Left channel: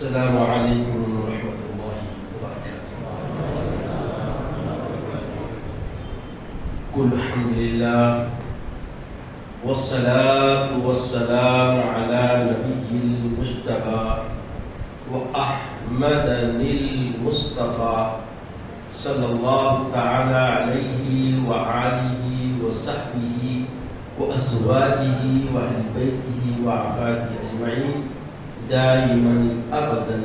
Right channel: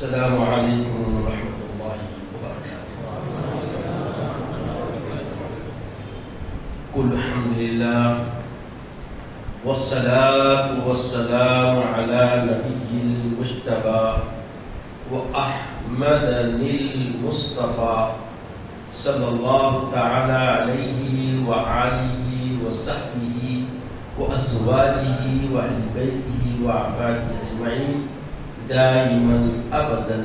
السلام علیکم ورحمۃ اللہ وبرکاتہ۔ قل الحمد للہ والصلاة والسلام علی نبی المجتبی وأحمد المصطفى صلی اللہ تعالی علیہ وآلہ وصحبہ وأزواجہ وأہل بیتہ وأحبابہ اجمعین دائما ابدا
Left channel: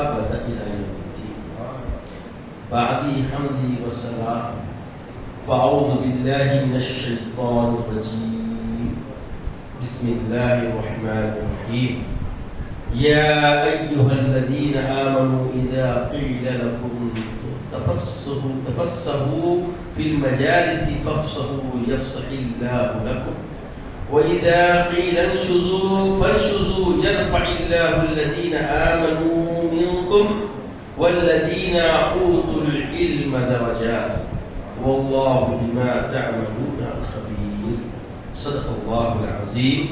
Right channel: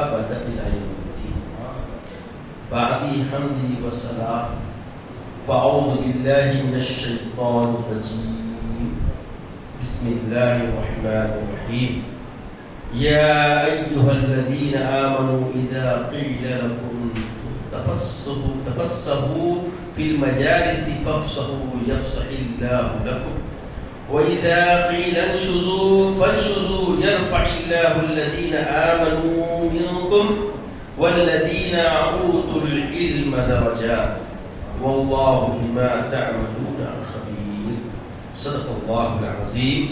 ابدا الى يوم الدين۔ بعدی حمدی والصلاة وأعوذ بالله من الشیطان الرجیم، بسم اللہ الرحمن الرحیم۔ یا ایہا الذین آمنوا اذا قیل لکم تفسحوا فی المجالس فافسحوا یفسح اللہ لکم وَإِذَا قِيلَ انشُزُوا فَانشُزُوا يَرْفَعِ اللَّهُ الَّذِينَ آمَنُوا مِنكُمْ وَالَّذِينَ أُوتُوا الْعِلْمَ دَرَجَاتٍ وَاللَّهُ بِمَا تَعْمَلُونَ خَبِيرٌ۔ صدق اللہ العظیم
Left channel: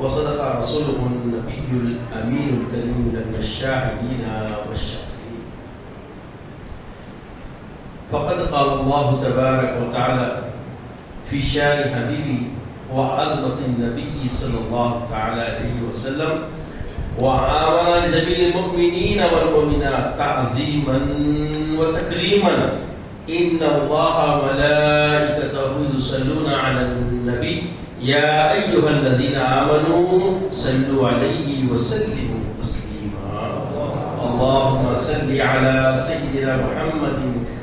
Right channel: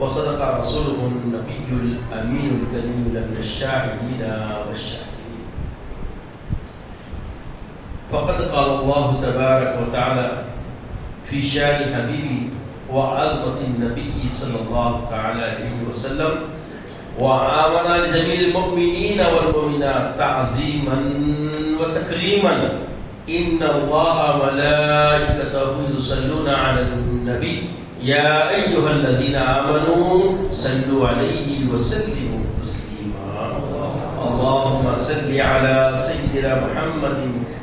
وصدق رسولہ النبی الامین الکریم من الشاہدین والشاکرین۔ فقد قال اللہ تبارک وتعالی فی شان حبیبی وعظمة النبي صلى الله تعالى عليه وسلم وعامل لجميع المؤمنين والمؤمنات تعظيما وتكريما إن الله وملائكته يصلون على النبي يا أيها الذين آمنوا صلوا عليه وسلموا تسليما اللهم صل على سيدنا محمد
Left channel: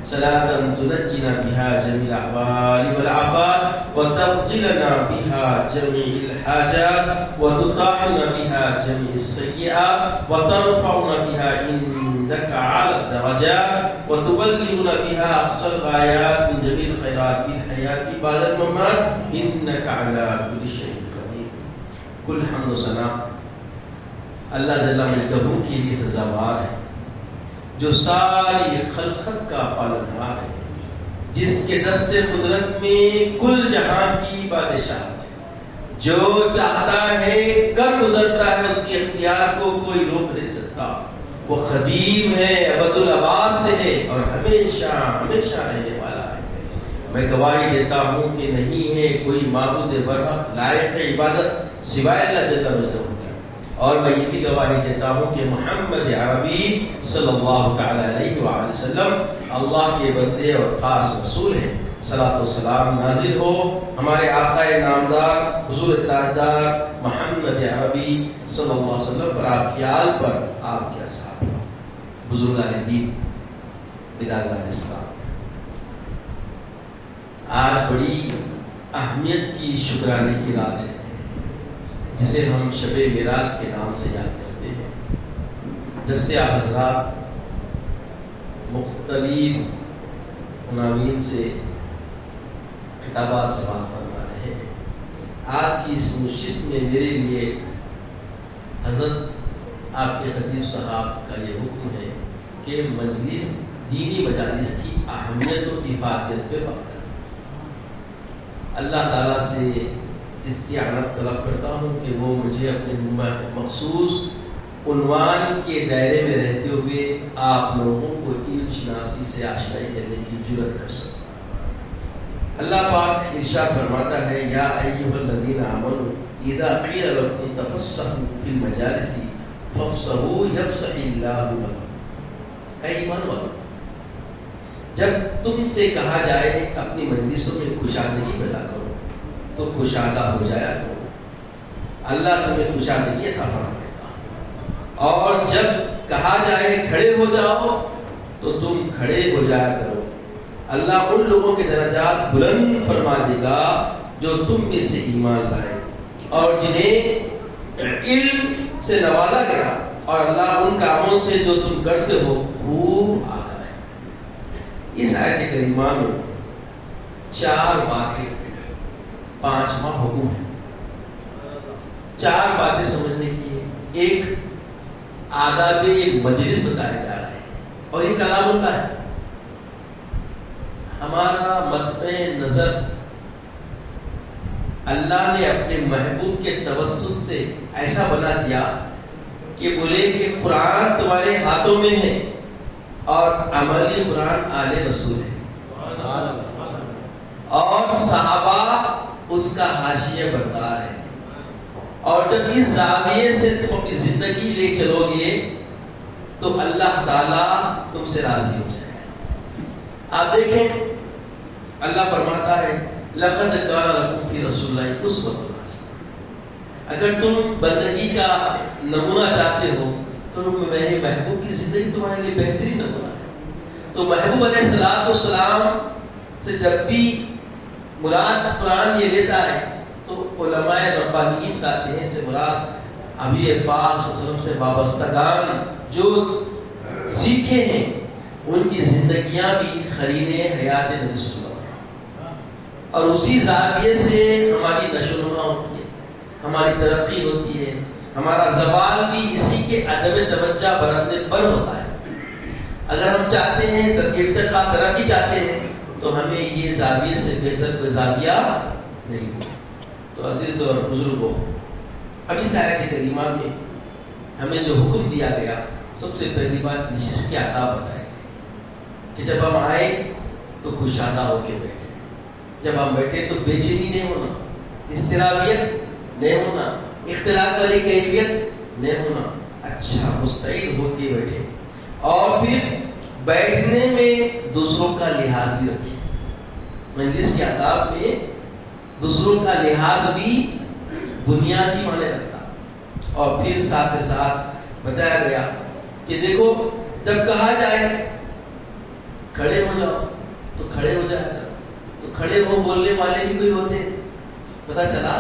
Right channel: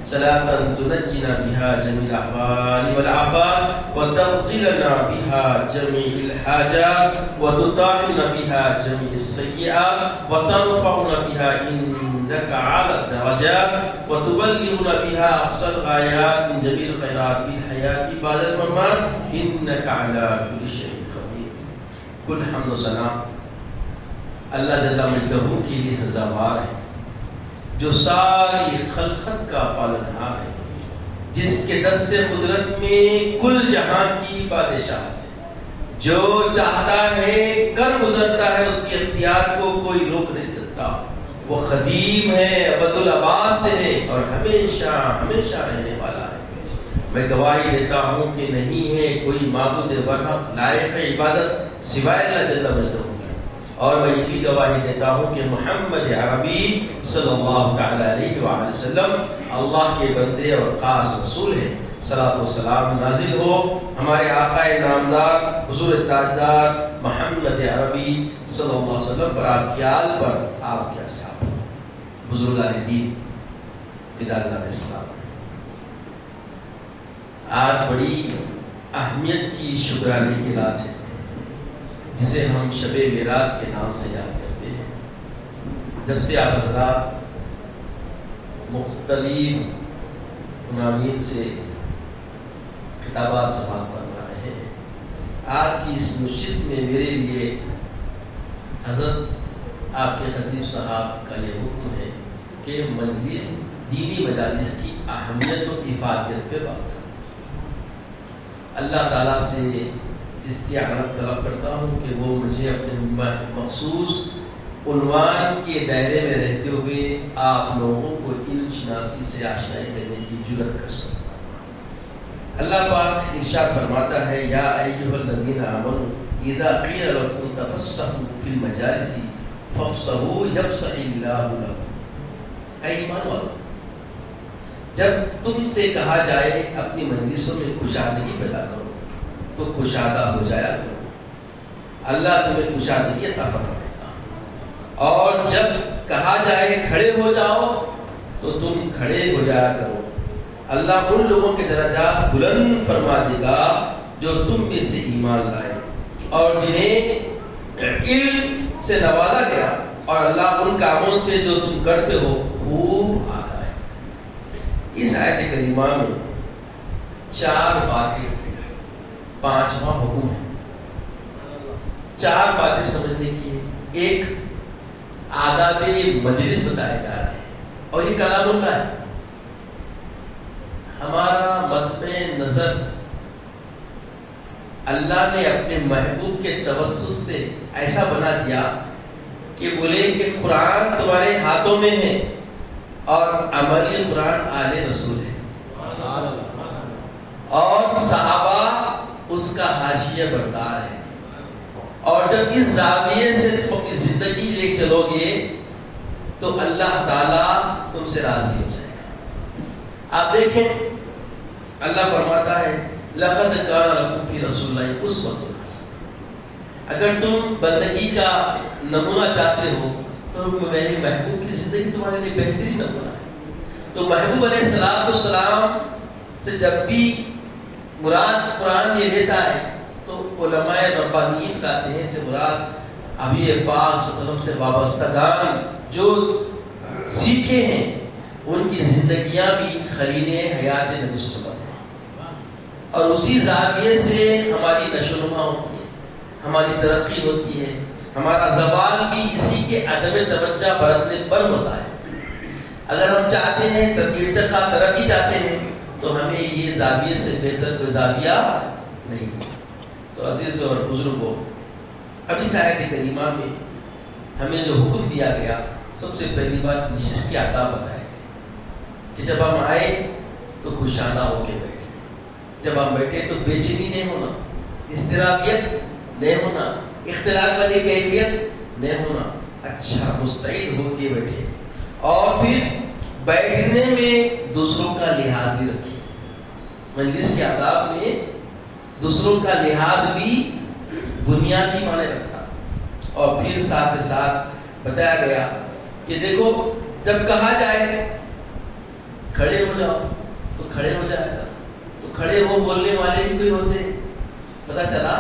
صلاة تنجنا بها جميع الأحوال والآفات وتغزلنا بها جميع الحاجات وتطهرنا بها جميع السيئات وترفعنا بها عندك على الدرجات وتبلغنا بها أقصى الغايات من جميع الخيرات في الحياة بعد الممات إنك على كل شيء قدير۔ كل حمد و ثنا اللہ جل مجدہ کے لیے سزاوار ہے، جو ساری خلقت کا پالنہار ہے، جس کے دست قدرت میں کل جہاں کی بادشاہ ہے، جو چاہتا ہے کر گزرتا ہے، اس کی اختیار کو کوئی روک نہیں سکتا۔ وہ قدیم ہے، ابد الآباد سے ہے اور ہمیشہ ہمیشہ رہنے والا ہے۔ میں گواہی دیتا ہوں کہ نہیں ہے کوئی معبود برحق لائق عبادت سوائے اللہ جل مجدہ کی، اور میں یہ گواہی دیتا ہوں کہ محمد عربی صلی اللہ تعالی علیہ وآلہ وسلم اللہ کے بندے اور خاص رسول ہیں۔ صلاۃ و سلام نازل ہو ہمارے آقا نامدار حضور تاجدار محمد عربی صلی اللہ علیہ وسلم پر، آپ کی آل پر، آپ کے اصحاب پر، بزرگان دین، ادارہ اسلام۔ آج بڑی اہمیت کی شکرانے کی رات ہے، جسے ہم شب معراج کے نام سے یاد کرتے ہیں۔ جب سے آپ حضرات مختلف عناوین سے خطابات سماعت فرما رہے ہیں، آج کی اس نشست میں میرے لیے حضرت آپ کے خطیب صاحب کا یہ حکم ہے کہ مجلس دینی مجالس کی اہمیت و افادیت پہ بات کریں۔ اللہ تعالیٰ سے استعانت طلب کرتا ہوں کہ وہ مجھے اپنے مخصوص عنوان کے دائرے میں رہتے ہوئے آپ لوگوں کو علم شناسی سے آشنائی کرنے کی جرأت کر سکیں۔ اللہ پاک ارشاد فرماتا ہے، یا ایھا الذین آمنوا اذا قیل لکم تفسحوا فی المجالس فافسحوا یفسح اللہ لکم۔ اے ایمان والو، جب تم سے کہا جائے اپنی مجلسوں میں کشادگی پیدا کرو تو کشادہ ہو جایا کرو، اللہ تمہیں کشادگی عطا فرمائے گا، اور جب کہا جائے کھڑے ہو جاؤ تو تم کھڑے ہو جایا کرو، اللہ ان لوگوں کے درجات بلند فرما دے گا جو تم میں سے ایمان لائے اور جنہیں علم سے نوازا گیا، اور اللہ ان کاموں سے جو تم کرتے ہو خوب آگاہ ہے۔ اس آیت کریمہ میں 4 باتیں، 5واں حکم ہے، 4 باتیں سمجھنے کی۔ ایک آداب مجلس بتایا جا رہا ہے، اور یہ کلام اللہ ہے۔ ہمارا مطمع نظر اللہ نے اپنے محبوب کے توسط سے ایسا بنا دیا کہ بولے کہ قرآن تمہارے باتوں میں ہے اور عملی قرآن آل رسول ہے، اور صحابہ اس کا حاشیہ بردار ہے. اور جب اس زاویے سے تم اپنی زندگی لے چلو گے تو اللہ تعالیٰ تم سے راضی ہو جائے گا. آپ دیکھیں اللہ فرماتا ہے لقد کان لکم فی رسول اللہ اسوۃ حسنہ. اگر تم بندگی کا نمونہ چاہتے ہو تو میرے محبوب کی زندگی تمہارے لیے بہترین نمونہ ہے. تو محبوب علیہ السلام سے جب بھی مراد قرآن یہ لیتا ہے تو علماء ربانیین کہتے ہیں سے مراد حبیب پاک صلی اللہ علیہ وسلم سے وابستگان جو سیکھے ہیں ان کی زندگیاں بھی خلیل حیات نبی صلی اللہ علیہ وسلم، اور اسی زاویے سے ہماری نشو و نما ہوتی ہے، ہماری ترقی ہوتی ہے، ہمارا زوال بھی اسی کے عدم توجہ برتنے پر ہوتا ہے. اگر ہم چاہتے ہیں ارتقا ترقی چاہتے ہیں تو ہمیں یہ زاویے سے بہتر کوئی زاویہ نہیں. تو عزیز اور بزرگوں، اب اس آیت کریمہ میں ہمیں جو حکم دیا گیا، سب سے پہلی بات نشست کی آداب بتائے کہ جب ہم آئے تو کشادہ ہو کے بیٹھے، جب ہم بیٹھے تو بے چینی نہیں ہونا، اضطرابیت نہیں ہونا، اختلاف والی کیفیت نہیں ہونا، اچھا مستعد ہو کے بیٹھے. اور پھر بیٹھنے میں دوسروں کا لحاظ بھی رکھیں. مجلس کے آداب میں دوسروں کا لحاظ بھی بنیادی معنی رکھتا. اور پھر ساتھ ساتھ بتایا گیا کہ دیکھو جب کہا جائے کھڑے ہو جاؤ تو کھڑے ہو جائے گا، تو کھڑے ہو بولنے والے بھی کوئی ہوتے ہیں. پتا چلا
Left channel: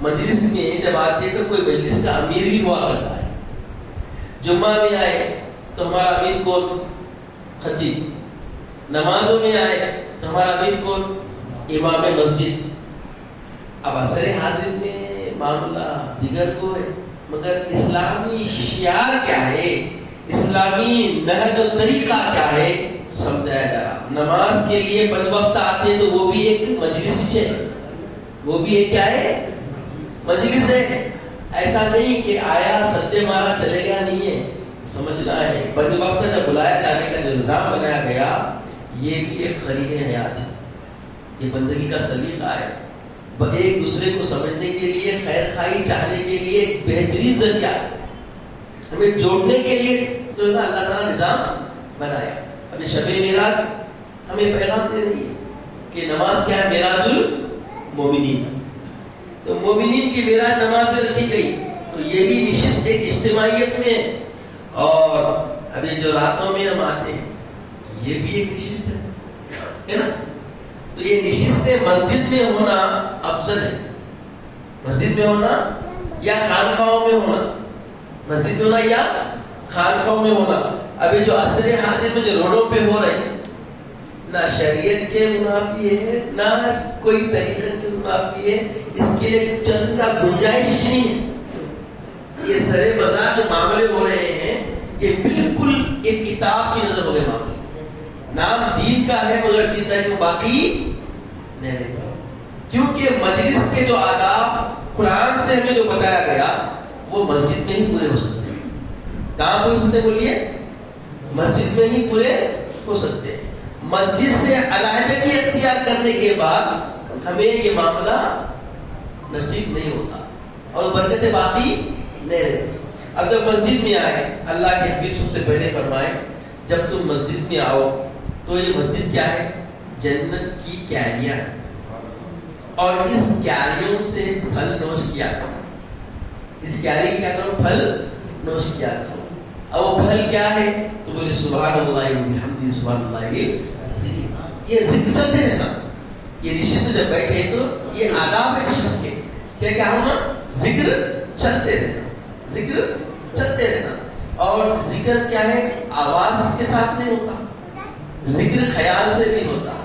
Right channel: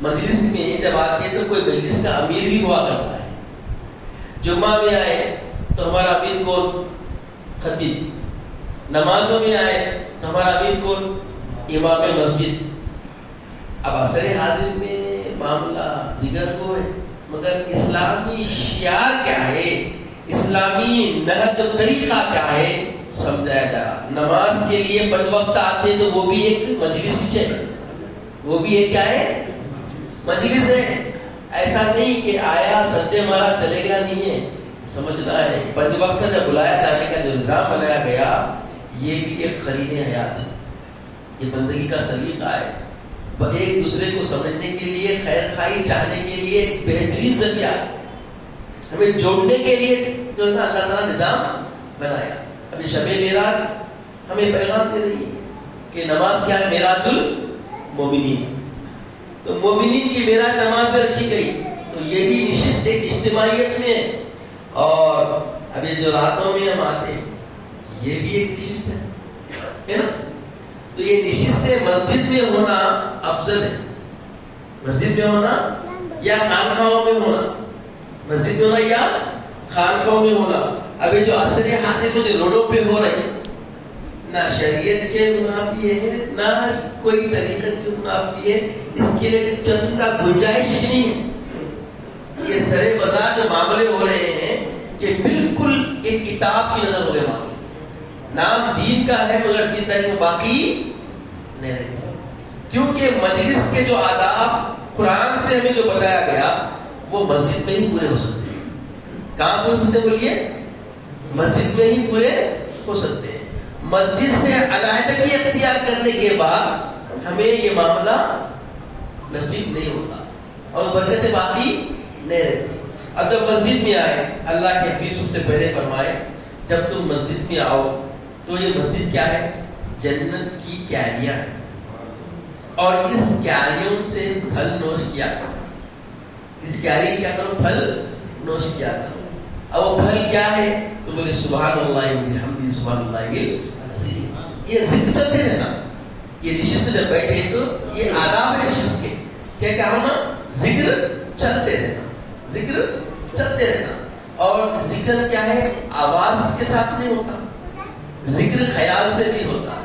مجلس میں جب آتے تو کوئی مجلس کا امیر بھی ہوا کرتا ہے. جمعہ میں آئے تو ہمارا امیر کون؟ خطیب. نمازوں میں آئے تو ہمارا امیر کون؟ امام مسجد. اب اثر حاضر میں معاملہ دیگر کو ہے، مگر اسلامی شعار کیا ہے، اسلامی نہج و طریقہ کیا ہے سمجھایا جا رہا. نماز کے لیے 5 وقت آتے تو وہ بھی ایک مجلس ہے، وہ بھی ایک کیا ہے؟ مجلس ہے. ایسا نہیں کہ آیا سجدے مارا چلے گا، نہیں ہے. سمجھنا ہے 5 وقت کا جب بلایا جانے کا جو نظام بنایا گیا یہ بھی ایک خلیل حیات ہے، یہ بندگی کا سلیقہ ہے. ایک دوسرے کو سمجھنے کے لیے، خیر خواہی چاہنے کے لیے ایک بہترین ذریعہ ہے، ہمیں جوڑنے کے لیے جو اللہ تعالیٰ نے نظام بنایا. ابھی شب معراج ہمیں پیغام دے رہی ہے کہ نماز کیا ہے؟ معراج المومنین. تو مومنین کی معراج نماز میں رکھی گئی. تو یہ بھی نشست ایک اجتماعیت میں، اور ابھی جو راتوں میں ہم آتے ہیں یہ بھی ایک نشست ہے نا. تو یہ نشست مسجد میں ہونا افضل ہے. مسجد میں ہونا یا خانقاہوں میں ہونا، مسجد میں ہونا یا خانقاہوں میں ہونا. ابھی جو اثر حاصل میں جو روڈوں پہ ہو رہی نہ شریعت کے منافی ہے نہ کوئی طریقت کے منافی ہے، اس کے لیے چند کا گنجائش نہیں ہے. یہ سرے بازار جو معاملے ہو رہے ہیں یہ بالکل ایک کتاب کی نظر ہو گئے معاملے. نام دین کا ہے مگر دین کا باقی نہیں رہتا. کیونکہ مجلس کے جو آداب قرآن سے ہمیں جو بتایا گیا وہ مسجد میں ہی پورے ہو سکتے ہیں. کہاں پورے ہو سکتے؟ بولیے مسجد میں ہی پورے ہو سکتے ہیں. مسجد سے علیحدگی اختیار کرنے کے بعد ہمیں یہ معاملہ نصیب نہیں ہوتا اور برکتیں باقی نہیں رہتی. اب جب مسجد میں آئے، اللہ کے حبیب سب سے پہلے فرمائے جب تم مسجد میں آؤ تو یہ مسجد کیا ہے؟ جنت کی کیاریاں ہے، اور اس کیاریوں سے پھل نوش کیا کرو. اس کیاری کیا کرو؟ پھل نوش کیا کرو. اب وہ پھل کیا ہے؟ تو بولے سبحان اللہ وبحمدہ سبحان اللہ. یہ ذکر چلتے رہنا. یہ نشست جب بیٹھے تو یہ آداب ہے نشست کے. کیا کیا ہونا؟ ذکر چلتے رہنا، ذکر چلتے رہنا. اور ذکر کیا ہے؟ آواز کے ساتھ نہیں ہوتا، ذکر خیال سے نہیں ہوتا،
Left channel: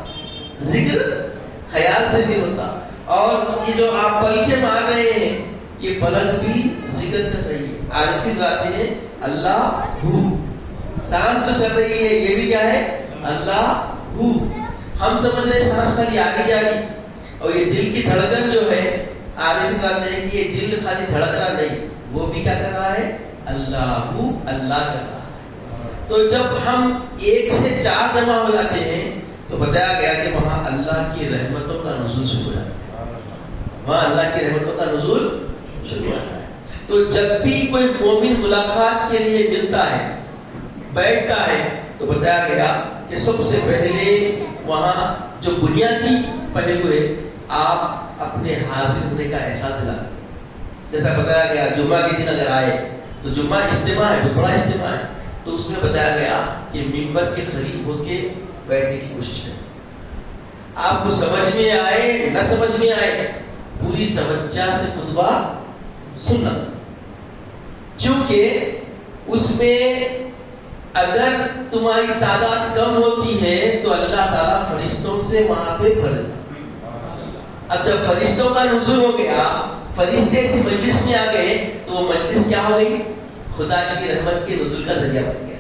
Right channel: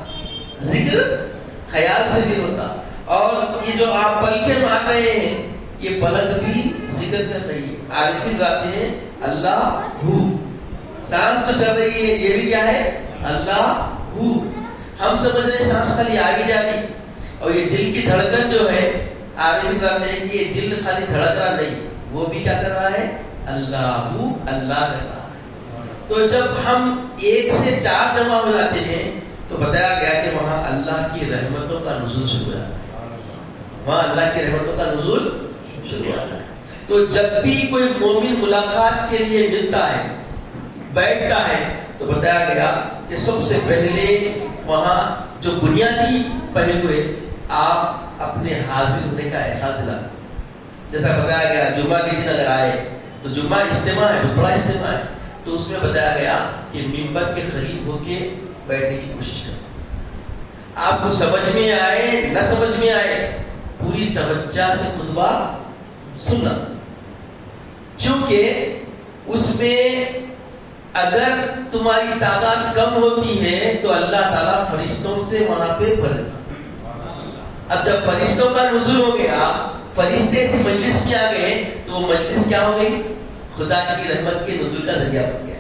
ذکر خیال سے نہیں ہوتا. اور یہ جو آپ پلکیں مار رہے ہیں یہ پلک بھی ذکر کر رہی ہے. عارفین گاتے ہیں اللہ ہو. سانس تو چل رہی ہے یہ بھی کیا ہے؟ اللہ ہو. ہم سمجھ رہے سانس خالی آگے جا رہی، اور یہ دل کی دھڑکن جو ہے عارفین گاتے ہیں کہ یہ دل خالی دھڑک رہا نہیں، وہ بھی کیا کر رہا ہے؟ اللہ ہو، اللہ کر رہا ہے. تو جب ہم 1 سے 4 جمع ہو جاتے ہیں تو بتایا گیا کہ وہاں اللہ کی رحمتوں کا نزول شروع ہو جاتا ہے، وہاں اللہ کی رحمتوں کا نزول شروع ہو جاتا ہے۔ تو جب بھی کوئی مومن ملاقات کے لیے ملتا ہے، بیٹھتا ہے، تو بتایا گیا کہ سب سے پہلے وہاں جو بنیادی پہلو ہے، آپ اپنے حاضر ہونے کا احساس دلاتے۔ جیسا بتایا گیا جمعہ کے دن اگر آئے تو جمعہ اجتماع ہے، بہت بڑا اجتماع ہے، تو اس میں بتایا گیا کہ ممبر کے قریب ہو کے بیٹھنے کی کوشش کریں۔ آپ کو سمجھ میں آئے نہ سمجھ میں آئے، پوری توجہ سے خطبہ سننا، کیونکہ اس میں اگر تمہاری تعداد کم ہوتی ہے تو اللہ تعالیٰ فرشتوں سے وہاں پہ فرق۔ اب جب فرشتوں کا نزول ہو گیا، فرشتے سے مجلس میں آ گئے، تو وہ مجلس کیا ہو گئی؟ خدا کی رحمت کے نزول کا ذریعہ بن گیا۔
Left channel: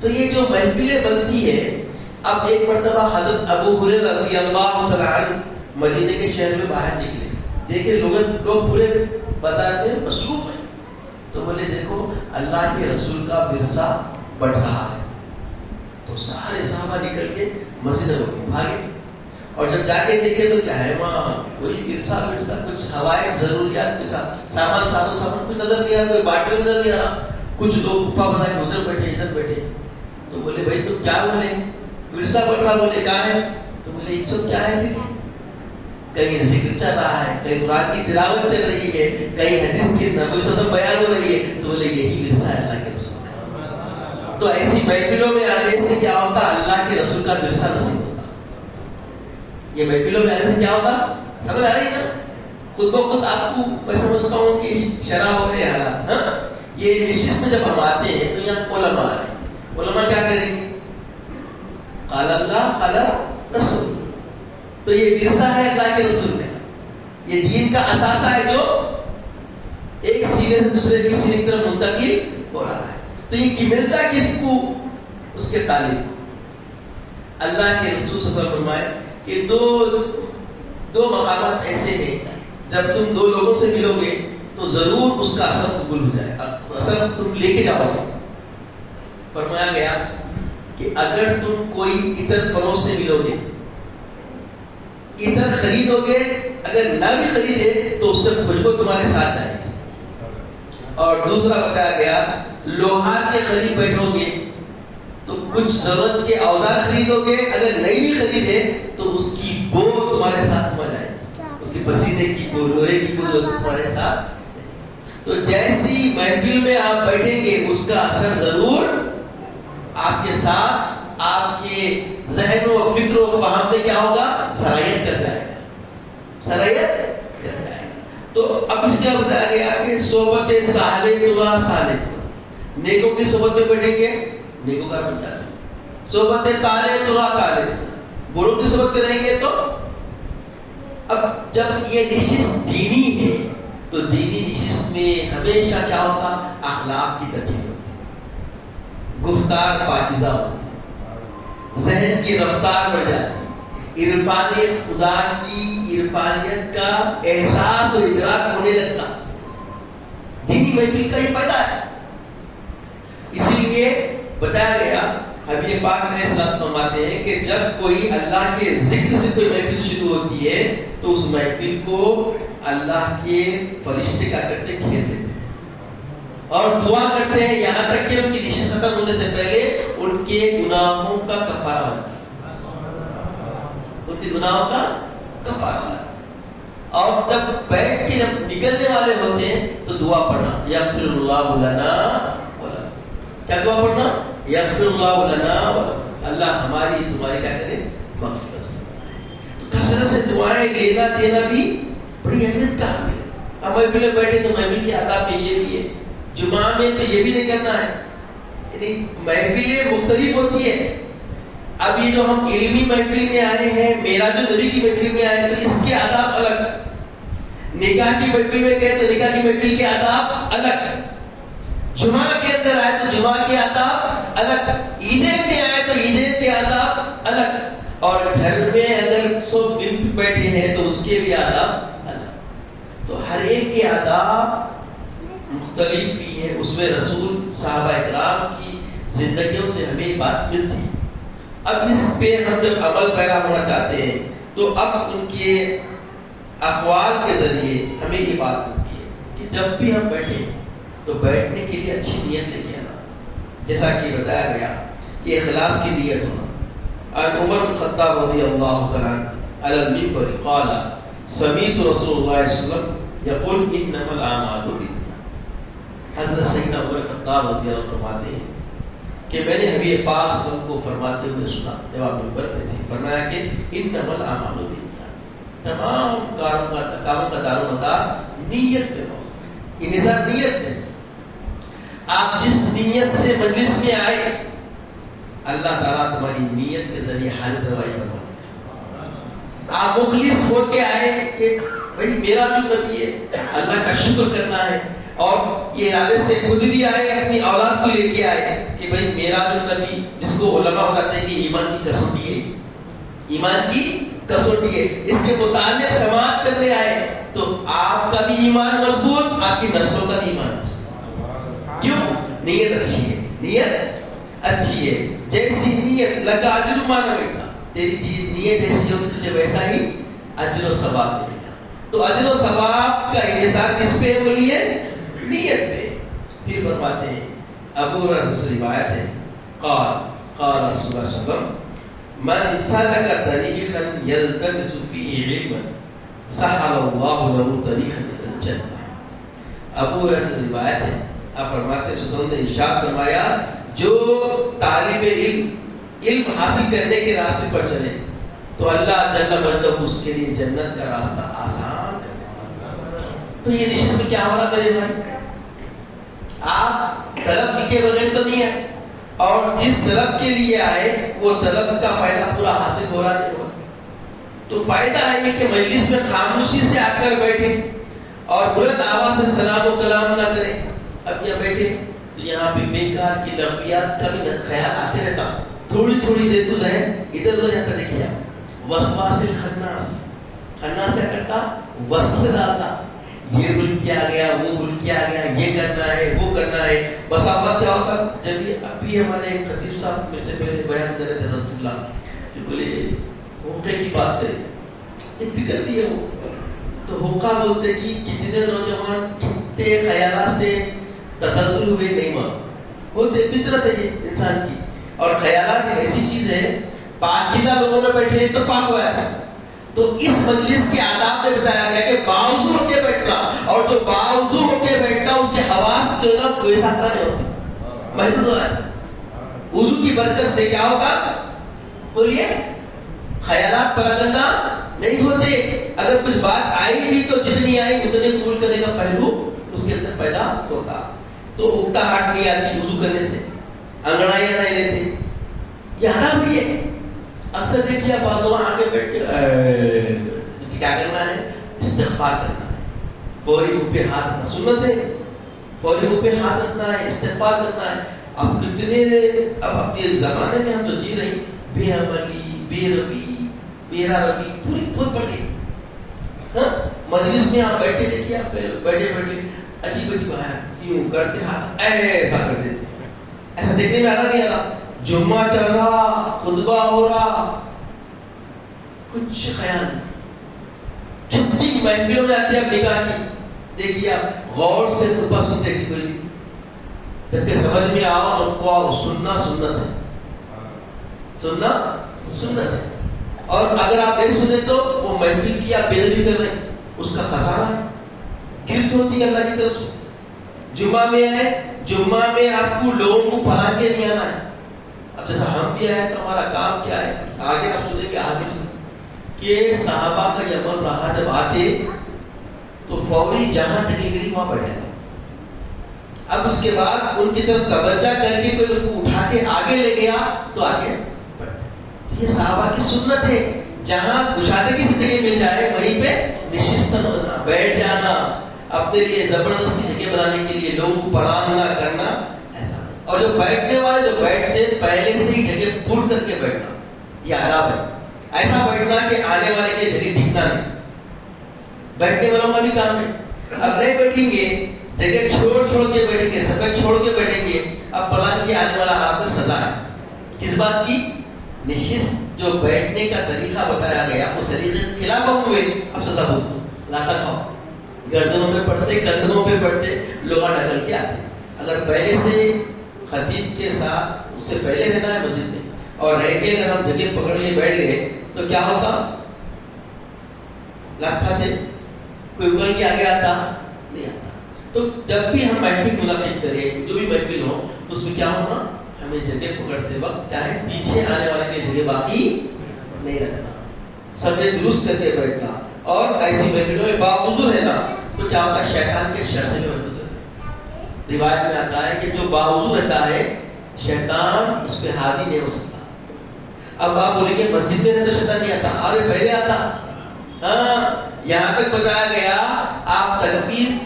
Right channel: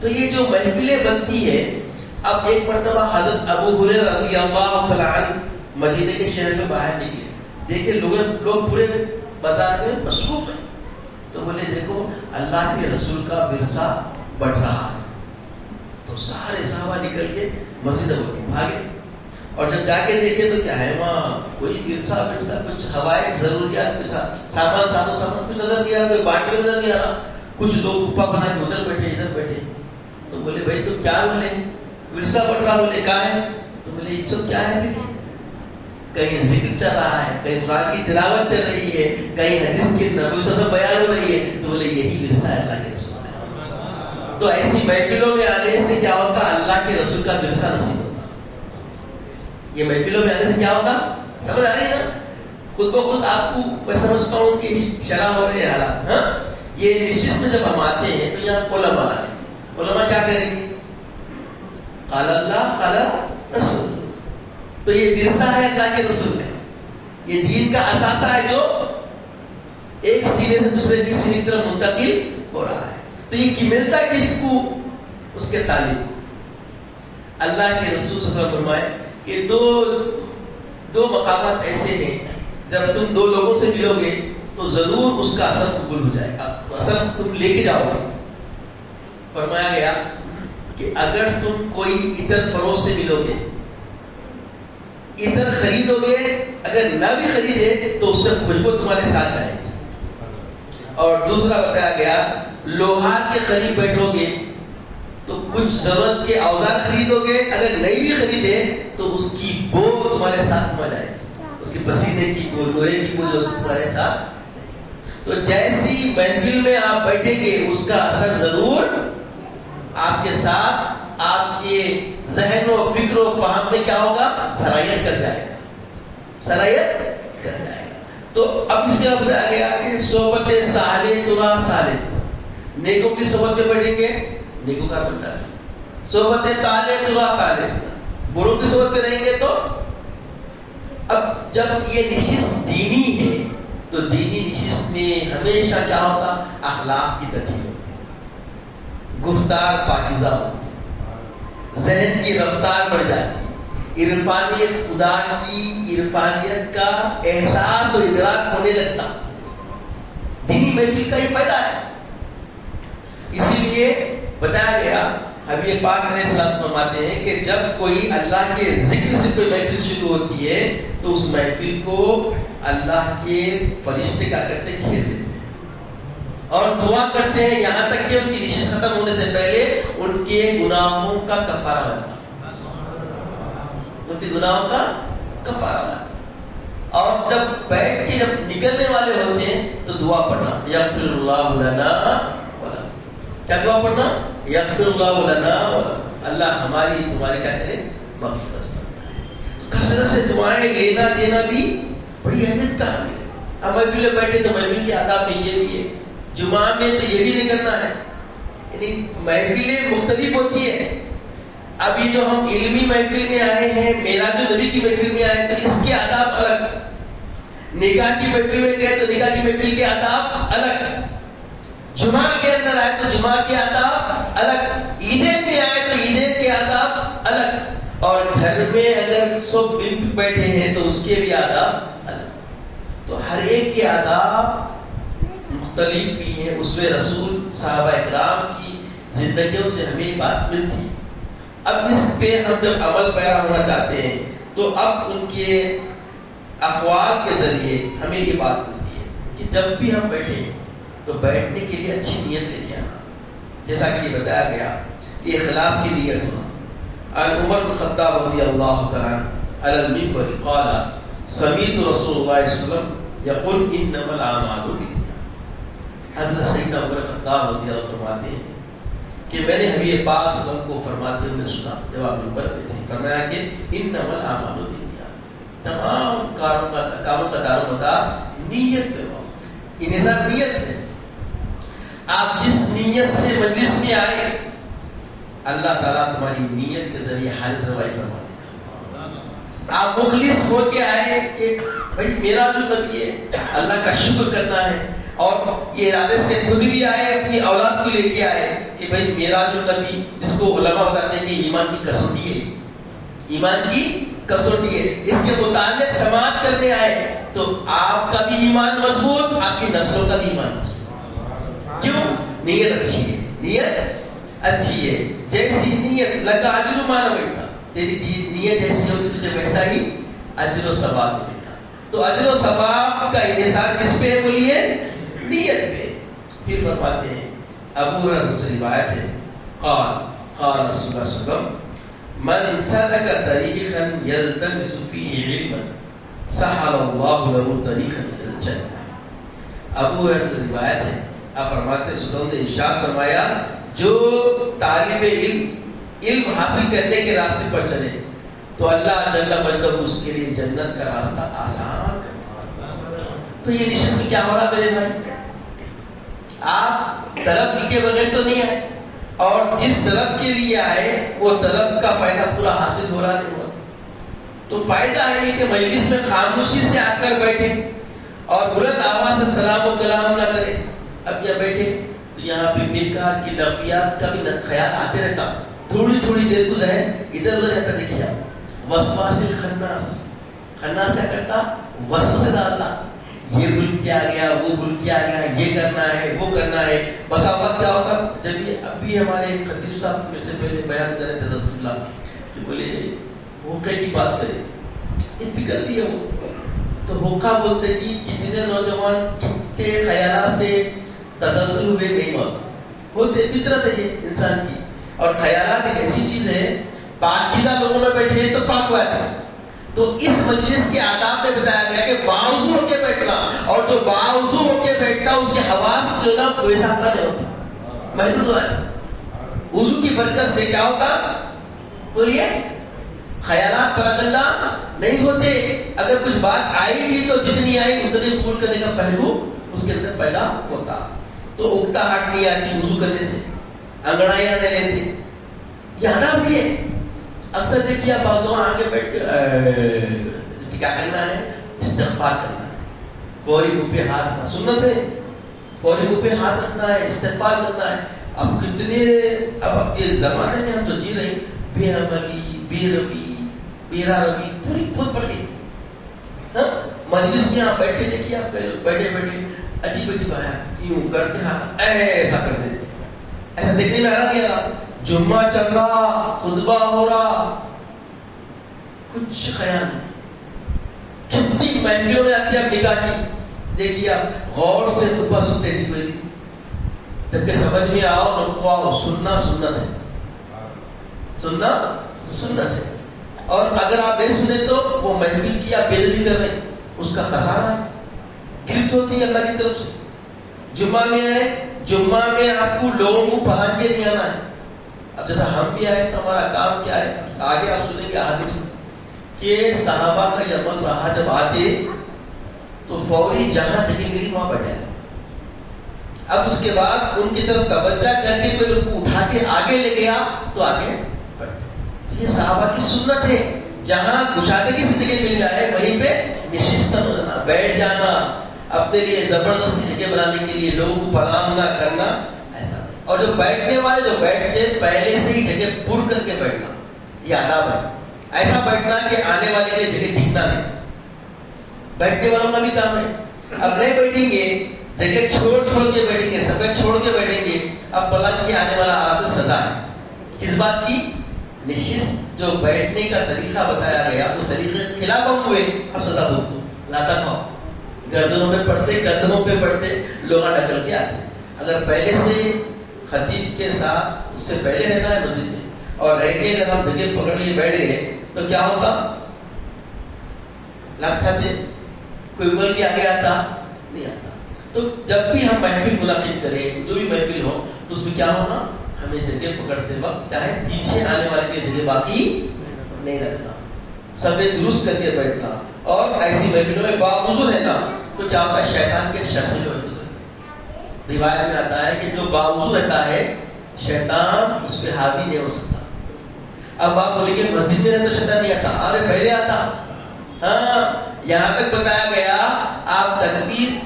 تو یہ جو محفلیں بنتی ہے، اب ایک مرتبہ حضرت ابو ہریرہ رضی اللہ تعالیٰ عنہ مدینے کے شہر میں باہر نکلے، دیکھیں لوگ پورے بازار میں مصروف ہیں، تو بولے دیکھو اللہ کے رسول کا ورثہ بڑھ رہا ہے۔ تو سارے صحابہ نکل کے مسجد میں بھاگے، اور جب جا کے دیکھے تو کیا ہے وہاں کوئی ورثہ کچھ ہوائے ضروریات کے ساتھ سامان کچھ نظر نہیں آ رہا، کوئی باٹل نظر نہیں آ رہا، کچھ لوگ گھپا بنا کے ادھر بیٹھے ادھر بیٹھے۔ تو بولے بھائی تم کیا بولے؟ ورثہ بڑھ رہا، بولے کہاں ہے؟ تو بولے یہ سب کیا ہے؟ کہیں ذکر چل رہا ہے، کہیں قرآن کی تلاوت چل رہی ہے، کہیں حدیث کی نبی صلی اللہ علیہ وسلم بیان ہو رہی ہے۔ تو بولے یہی ورثہ ہے اللہ کے رسول کا۔ تو ایسی محفلوں میں آنے سے کیا ہوتا؟ اللہ کے رسول کا ورثہ نصیب ہوتا۔ یہ محفلوں میں آنے سے کیا ہوتا؟ سمجھ آ رہی ہے نا؟ خود بخود آپ کو میں سمجھتا ہوں کہ شرح ہو رہے حالات۔ ہاں، یہ نشست میں جب ہم آتے ہیں تو یہاں علماء آئے، علماء کیا کریں گے؟ قال اللہ قال رسول۔ تو یہ ورثہ ہے اللہ کے رسول میں، یہ دین کا اثاثہ ہے جو ایک سینے سے دوسرے کی سینے کی طرف منتقل ہو رہا ہے۔ تو یہ ملتا کس کو؟ اس کے تعلیم۔ اللہ کے رسول صلی اللہ علیہ وسلم فرمائے کہ دو مقامات ایسے ہیں جب تم 2 لوگوں سے ملو گے تو ضرور اس کا اثر قبول ہو جائے گا، اثر تم لے کے جاؤ گے۔ فرمایا گیا کہ اگر تم کوئی عطر فروش سے ملو گے، عطر خریدو گے، اگر نہ بھی خریدے تو اس سے خوشبو تمہارے ساتھ جائے گی۔ اور دوسرا بتایا گیا لوہار کے قریب بیٹھو گے تو کچھ ضرورت کے اوزار خریدو گے، اگر نہیں بھی خریدے تو اس کی بو تمہارے ساتھ ہو جائے گی، اس کے پسینے کی بو، لوہے کی بو تمہارے ساتھ۔ تو جیسی محفل میں آپ بیٹھیں گے اس کا اثر ضرور آپ کے ساتھ، آپ کے ذہن و فکر و فہم میں کیا ہوگا؟ سرایت کر جائے گا، سرایت کر جائے گا۔ تو اب اس کے بتایا گیا کہ صحبت صالح تلا صالح، نیکوں کی صحبت میں بیٹھیں گے نیکوں کا بنتا ہے، صحبت طالح تلا طالح، بروں کی صحبت میں رہیں گے تو۔ اب جب یہ نشست دینی ہے تو دینی نشست میں ہمیشہ کیا ہوتا؟ اخلاق کی تجزیہ، گفتار پاکیزہ ہوتی، ذہن کی رفتار بڑھ جاتی، عرفانیت خدا کی عرفانیت کا احساس و ادراک ہونے لگتا۔ دینی محفل کا یہ فائدہ ہے۔ اسی لیے بتایا گیا، حبیب پاک علیہ السلام فرماتے ہیں کہ جب کوئی اللہ کے ذکر سے کوئی محفل شروع ہوتی ہے تو اس محفل کو اللہ کے فرشتے کیا کرتے ہیں؟ گھیر دیتے ہیں اور دعا کرتے ہیں، یہاں تک کہ ان کی نشست ختم ہونے سے پہلے ان کے گناہوں کا کفارہ ہوتا ہے، ان کے گناہوں کا کفارہ ہوتا ہے۔ اور جب بیٹھ کے جب نکلنے والے ہوتے ہیں تو دعا پڑھنا، یغفر اللہ لنا، کیا دعا پڑھنا؟ یغفر اللہ لنا، اللہ ہماری تمہاری کیا کرے؟ مغفرت۔ تو کثرت سے دعائیں لینا دینا بھی بڑی اہمیت کا حامل ہے۔ اب محفل میں بیٹھے تو محفل کے آداب میں یہ بھی ہے، جمعہ میں تو یہ بھی نہیں کرنا ہے، یعنی محفلیں مختلف ہوتی ہے۔ ابھی جو ہم علمی محفل میں آئے ہیں، میراج النبی کی محفل میں آئے تو اس کے آداب الگ، نکاح کی محفل میں گئے تو نکاح کی محفل کے آداب الگ، جمعہ کے اندر آئے تو جمعہ کے آداب الگ، عیدین میں آئے تو عیدین کے آداب الگ، اور گھر میں اگر سب مل بیٹھے ہیں تو اس کے بھی آداب الگ۔ تو ہر ایک کے آداب مختلف بھی ہیں، اس میں رسول صحابہ اکرام کی زندگیوں سے ہمیں یہ بات ملتی ہے. اب اس پہ ہم جب عمل پیرا ہونا چاہتے ہیں تو اب ان کے اقوال کے ذریعے ہمیں یہ بات ملتی ہے کہ جب بھی ہم بیٹھے تو بیٹھنے کے لیے اچھی نیت لے کے آنا. جیسا کہ بتایا گیا یہ اخلاص کی نیت ہونا. عمر بن خطاب رضی اللہ تعالیٰ علی المنبر قال سمعت رسول اللہ صلی اللہ علیہ وسلم یقول انما الاعمال بالنیات. حضرت سیدنا عمر خطاب رضی اللہ عنہ فرماتے ہیں کہ میں نے حبیب پاک صلی اللہ علیہ وسلم کو فرماتے ہوئے سنا جب آپ منبر پہ تھے. فرمایا کہ انما الاعمال بالنیات. تمام کاموں کا دار و مدار نیت پہ ہو. یہ نظام نیت ہے. آپ جس نیت سے مجلس میں آئے اللہ تعالیٰ تمہاری نیت کے ذریعے حاضر روائی فرمائے. آپ مخلص ہو کے آئے کہ بھائی میرا جو نبی ہے اللہ کا شکر کرنا ہے, اور یہ ارادے سے خود بھی آئے اپنی اولاد کو لے کے آئے کہ بھائی میرا جو نبی, جس کو علماء بتاتے ہیں کہ ایمان کی کسوٹی ہے, ایمان کی کسوٹی ہے, اس کے متعلق سماعت کرنے آئے تو آپ کا بھی ایمان مضبوط, آپ کی نسلوں کا بھی ایمان مضبوط. کیوں؟ نیت اچھی ہے. نیت اچھی ہے. جیسی نیت لگا اجر ما نویت, تیری نیت جیسی ہوگی تجھے ویسا ہی اجر و ثواب ملے گا. تو اجر و ثواب کا انحصار کس پہ ہوئی ہے؟ نیت پہ. پھر فرماتے ہیں ابو ہریرہ سے روایت ہے قال قال رسول اللہ صلی اللہ علیہ وسلم من سلك طريقا يلتمس فيه علما سهل الله له طريقا الى الجنه. ابو ہریرہ سے روایت ہے, آپ فرماتے ہیں سلام نے ارشاد فرمایا جو طالب علم حاصل کرنے کے راستے پر چلے تو اللہ جل مجدہ اس کے لیے جنت کا راستہ آسان کرے. تو یہ نشست میں کیا ہونا میرے بھائی, آپ طلب کے بغیر تو نہیں آئے, اور جس طلب کے لیے آئے وہ طلب کا فائدہ پورا حاصل ہو رہا ہے. تو فائدہ ہے کہ مجلس میں خاموشی سے آ کر بیٹھے اور بلند آواز سے سلام و کلام نہ کریں. اب یہاں بیٹھے تو یہاں پہ بیکار کی لغویات کا بھی خیال آتے رہتا, تھوڑی تھوڑی دیر گزرے ادھر ادھر جاتا. دیکھیے وسواس الخناس, خناس کیا کرتا, وسوسے ڈالتا, یہ بھول کیا گیا, وہ بھول کیا گیا, یہ کرنا ہے, وہ کرنا ہے. بس اوقات کیا ہوتا جب یہ ابھی ہمارے خطیب صاحب میرے سے پہلے بیان کر رہے تھے رسول اللہ کہ بولے ہوکے کی بات کرے, اتنی کر لی ہے وہ تو ہوکا بولتے جی کتنے نوجوان چھوٹے خیالات سے تغزل ہوئے نہیں ہوا. وہ فطرت ہے انسان کی, اور خیالات ایک ایسی چیز ہے پاکیزہ لوگوں میں بیٹھے ہیں تو پاک ہوا ہے. تو اس مجلس کے آداب میں بتایا گیا کہ باوضو ہو کے بیٹھنا, اور جو باوضو ہو کے بیٹھنا اس کی آواز جو نا ویسا کا نہیں ہوتا, محدود ہے. وضو کی برکت سے کیا ہوتا, تو یہ خیالات پراگندہ نہیں ہوتے. اگر کچھ بات آئی بھی تو جتنی آئی اتنی قبول کرنے کا پہلو اس کے اندر پیدا ہوتا. تو اگتا ہاتھ نہیں آتی وضو کرنے سے, انگڑائیاں نہیں لیتے, یہ حرام بھی ہے. اکثر دیکھیے آپ بعضوں آگے بیٹھ کے کیا کرنا ہے, استغفار کرنا ہے. فوری منہ پہ ہاتھ رکھنا سنت ہے, فوری منہ پہ ہاتھ رکھنا ہے, استغفار کرنا ہے. اب کتنے اب کے زمانے میں ہم تو جی رہے بے عملی, بے ربی, بیرا ربی پوری بہت بڑی. مجلس میں آپ بیٹھے دیکھیے, آپ بیٹھے بیٹھے عجیب عجیب آیا یوں کر کے ہاتھ ایسا کر دیتے. ایسا دیکھنے میں آ رہا نہیں آ رہا, جمعہ چل رہا, خطبہ ہو رہا, کچھ خیال نہیں. کتنی محفلوں میں آتی ہے نکاح کی, دیکھیے آپ غور سے خطبہ سنتے تھے کوئی, جبکہ سمجھ میں آؤ ان کو سننا سنت ہے, سننا سنت ہے. اور اگر آپ نہیں سنے تو وہ محفل کی آپ بے بھی کر رہے ہیں, اس کا خسارہ ہے, گرفت ہوتی ہے اللہ کی طرف سے. جمعہ میں آئے, جمعہ میں آپ کو لوگوں کو پڑھا کے نہیں آنا ہے. اب جیسا ہم بھی آئے تو ہمارا کام کیا ہے, آگے آپ سنیں گے حدیث کہ صحابہ کا یہ عمل رہا, جب آتے تو فوری جہاں جگہ گری وہاں بیٹھ جاتے. اب اس کے بعد ان کی طرف توجہ کر کے کوئی ان کو اٹھا کے آگے لے گیا تو آگے بیٹھ. یہ صحابہ کی سنت ہے, جہاں گشادگی سے جگہ مل جائے وہیں پہ نشست ہو جانا, بیٹھ جانا, اپنے لیے زبردستی جگہ بنانے کے لیے لوگوں کو پڑھانا کرنا. اور جو بیٹھنے والے جو بیٹھتے پہلے سے ہی جگہ پھڑ کر کے بیٹھنا, یہ آداب ہے. ایسا بیٹھنا کہ آنے والے کے جگہ دکھنا نہیں. بیٹھنے والوں کا بھی کام ہے. اب نہیں بیٹھیں گے, جگہ چھوڑ کے بیٹھیں گے, سفید چھوڑ کے بیٹھیں گے, اب پلٹ کے آنے والا آپ سزا ہے. کس بات کی؟ نشست جو بیٹھنے کا طریقہ بتایا گیا اس طریقے کے خلاف ہم ہوئے، اب سزا بھگتو، لاتا کھاؤ. گردنوں پہ پڑتے، گردنوں پہ پڑتے، لوہا ڈکل کے آتے. اگر پہلے سے خطیب کے ساتھ اس سے پہلے رہنا ہے مسجد میں اور رہ کے اگر ہم جگہ پکڑ کے بیٹھ گئے تو کیا ہوتا؟ لات کھاتے. کوئی انگل کے آگے آتا نہیں آتا. تو جب بھی ہم محفل منعقد کریں، جو بھی محفل ہو، تو اس میں کیا ہونا؟ ہمیں جگہ پکڑتے وقت کیا ہے، پیچھے آنے والے کی جگہ باقی نہیں رکھنا، سبھی درست کر کے بیٹھنا. اور ایسی محفلوں میں باوضو رہنا. تو کیا ہوتا ہے؟ شیطان کے شر سے محفوظ ہے. روایت میں آتا ہے کہ جو باوضو رہتا ہے شیطان اس پہ حاوی نہیں ہو سکتا. اب آپ بولیں گے مسجد میں رہتا شیطان نہیں آتا. ارے پہلے آتا. ہاں، یہاں تک بتایا گیا آپ تکبیر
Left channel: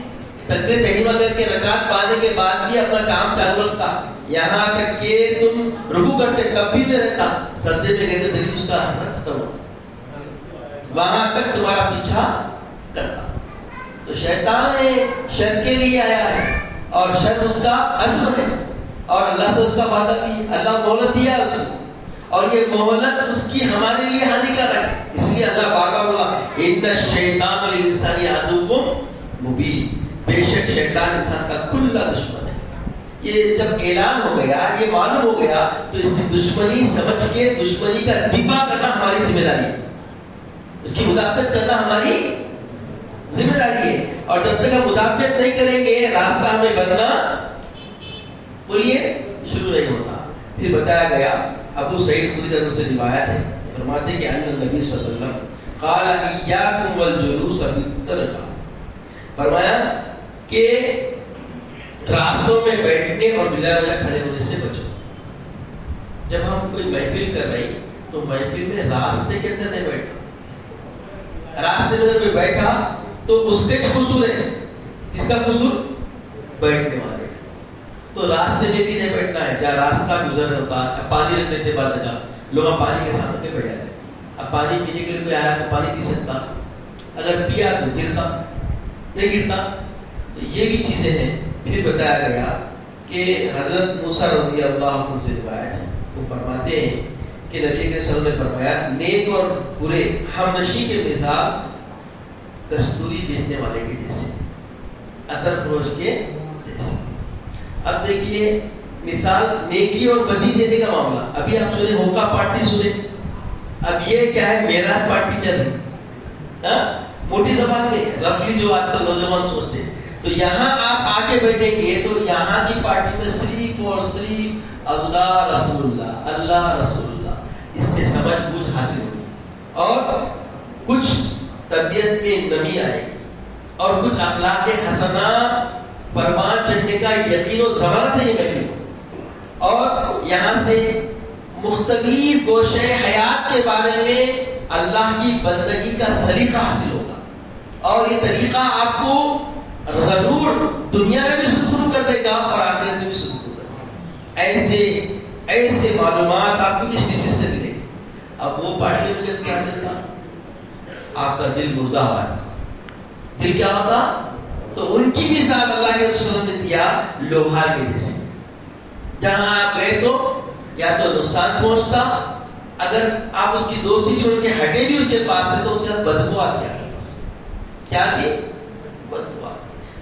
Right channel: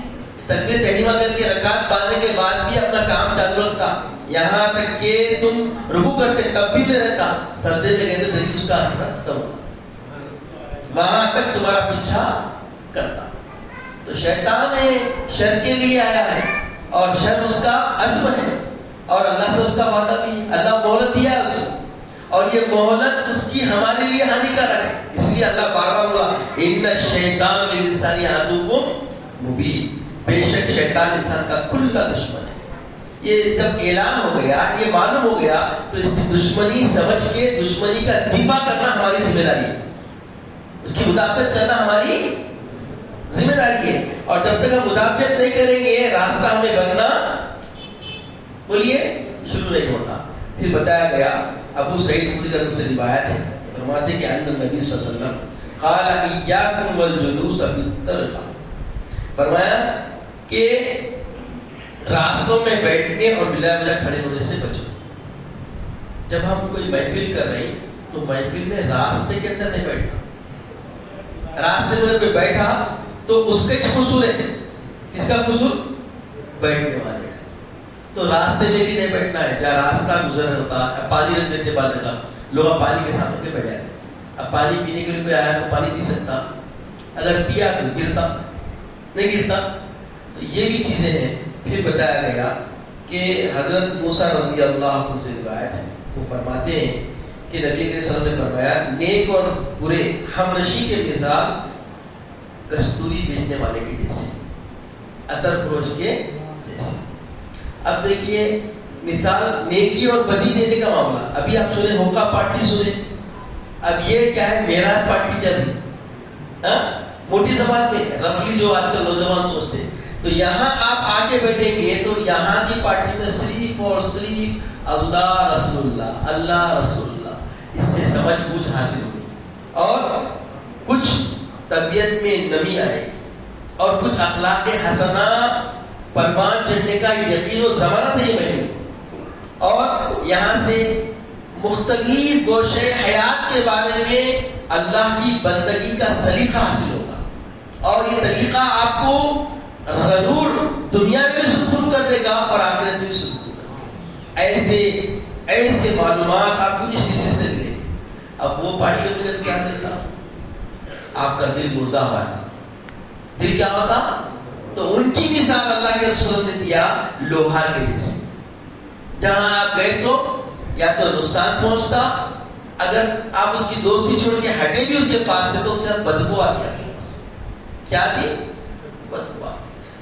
تحریمہ کر کے رکعت پانے کے بعد بھی اپنا کام چالو رکھتا. یہاں تک کہ تم رکوع کرتے تب بھی نہیں رہتا، سجدے میں گئے تو جلدی اس کا ختم، وہاں تک تمہارا پیچھا کرتا. تو شیطان میں شر کے لیے آیا ہے اور شر اس کا عزم ہے اور اللہ سے اس کا وعدہ بھی، اللہ مہلت دیا ہے اسے اور یہ مہلت اس کی ہمارے لیے ہانی کر رہا ہے. اس لیے اللہ پاک بولا ان الشیطان للانسان عدو مبین، بے شک شیطان انسان کا کھلا دشمن ہے. یہ جب اعلان ہو گیا، یہ معلوم ہو گیا، تو اس کی دشمنی سمجھ کے دشمنی کا دفاع کرنا ہماری ذمہ داری ہے، اس کی مدافعت کرنا ہماری ذمہ داری ہے. اور جب تک ہم مدافعت نہیں کریں گے راستہ ہمیں بننا بولیے شروع نہیں ہوتا. پھر بتایا گیا ابو سعید خدری رضی اللہ عنہ سے روایت ہے، فرماتے ہیں کہ ان نبی صلی اللہ علیہ وسلم قال ایاکم والجلوس فی الطرقہ، فرمایا کہ راستوں میں بیٹھنے اور بلا وجہ کھڑے ہونے سے بچو. جب ہم کوئی محفل کر رہے ہیں تو محفل میں راستے کے اندر نہیں بیٹھنا. راستے میں کوئی بیٹھا تو اس کا قصور ہے. کس کا قصور؟ بیٹھنے والے کا. تو راستے میں بھی نہیں بیٹھنا ہے. جہاں راستہ گزر ہوتا ہے پانی رکھ دیتے بعض جگہ، لوگ پانی کے ساتھ کے بیٹھ جاتے. اب پانی پینے کے لیے کوئی آیا تو پانی پی سکتا، اگر پیا تو گرتا نہیں گرتا. تو یہ بھی چیزیں ہیں. پھر بتایا گیا کہ حضرت موسیٰ رضی اللہ عنہ سے روایت ہے، وہ فرماتے ہیں کہ نبی کے صلی اللہ علیہ وسلم نے فرمایا نیک اور برے ہمنشی کے مثال کستوری بیچنے والے کے جیسے، عطر فروش کے جیسے. اب دیکھیے مثال نیکی اور بدی دینے کا معاملہ. ابھی آپ سنیں ہوکا پارٹی سنیں، اب یہ کیا ہے میراث پارٹی چل رہی، موٹی زبان میں رفلی جو آج کل نوجوان سوچتے ہیں. تو یہاں آپ آگے بیٹھیں گے تو یہاں کی پارٹی میں صرف اور صرف اللہ رسول اللہ، اللہ رسول اللہ، اس سے سمجھ بوجھ حاصل ہوئی اور کچھ طبیعت میں نمی آئے اور کچھ اخلاق حسنہ پروان چڑھنے کا یقین و ضمانت نہیں بیٹھے. اور یہاں سے مختلف گوشے حیات کے بارے میں اللہ کی بندگی کا سلیقہ حاصل ہوگا اور یہ طریقہ آپ کو ضرور دنیا میں بھی سکون کر دے گا اور آخرت میں بھی سکون کر دے گا. ایسے معلومات آپ کو اس چیز سے ملے. اب وہ پارٹی میں جب کیا کرتا، آپ کا دل مردہ ہوا تھا. دل کیا ہوتا؟ تو ان کی مثال اللہ کے رسول نے دیا لوہا کے جیسے. جہاں آپ گئے تو یا تو نقصان پہنچتا، اگر آپ اس کی دوستی چھوڑ کے ہٹے بھی اس کے پاس سے تو اس کا بدبو آ گیا. کیا تھی؟ بدبو.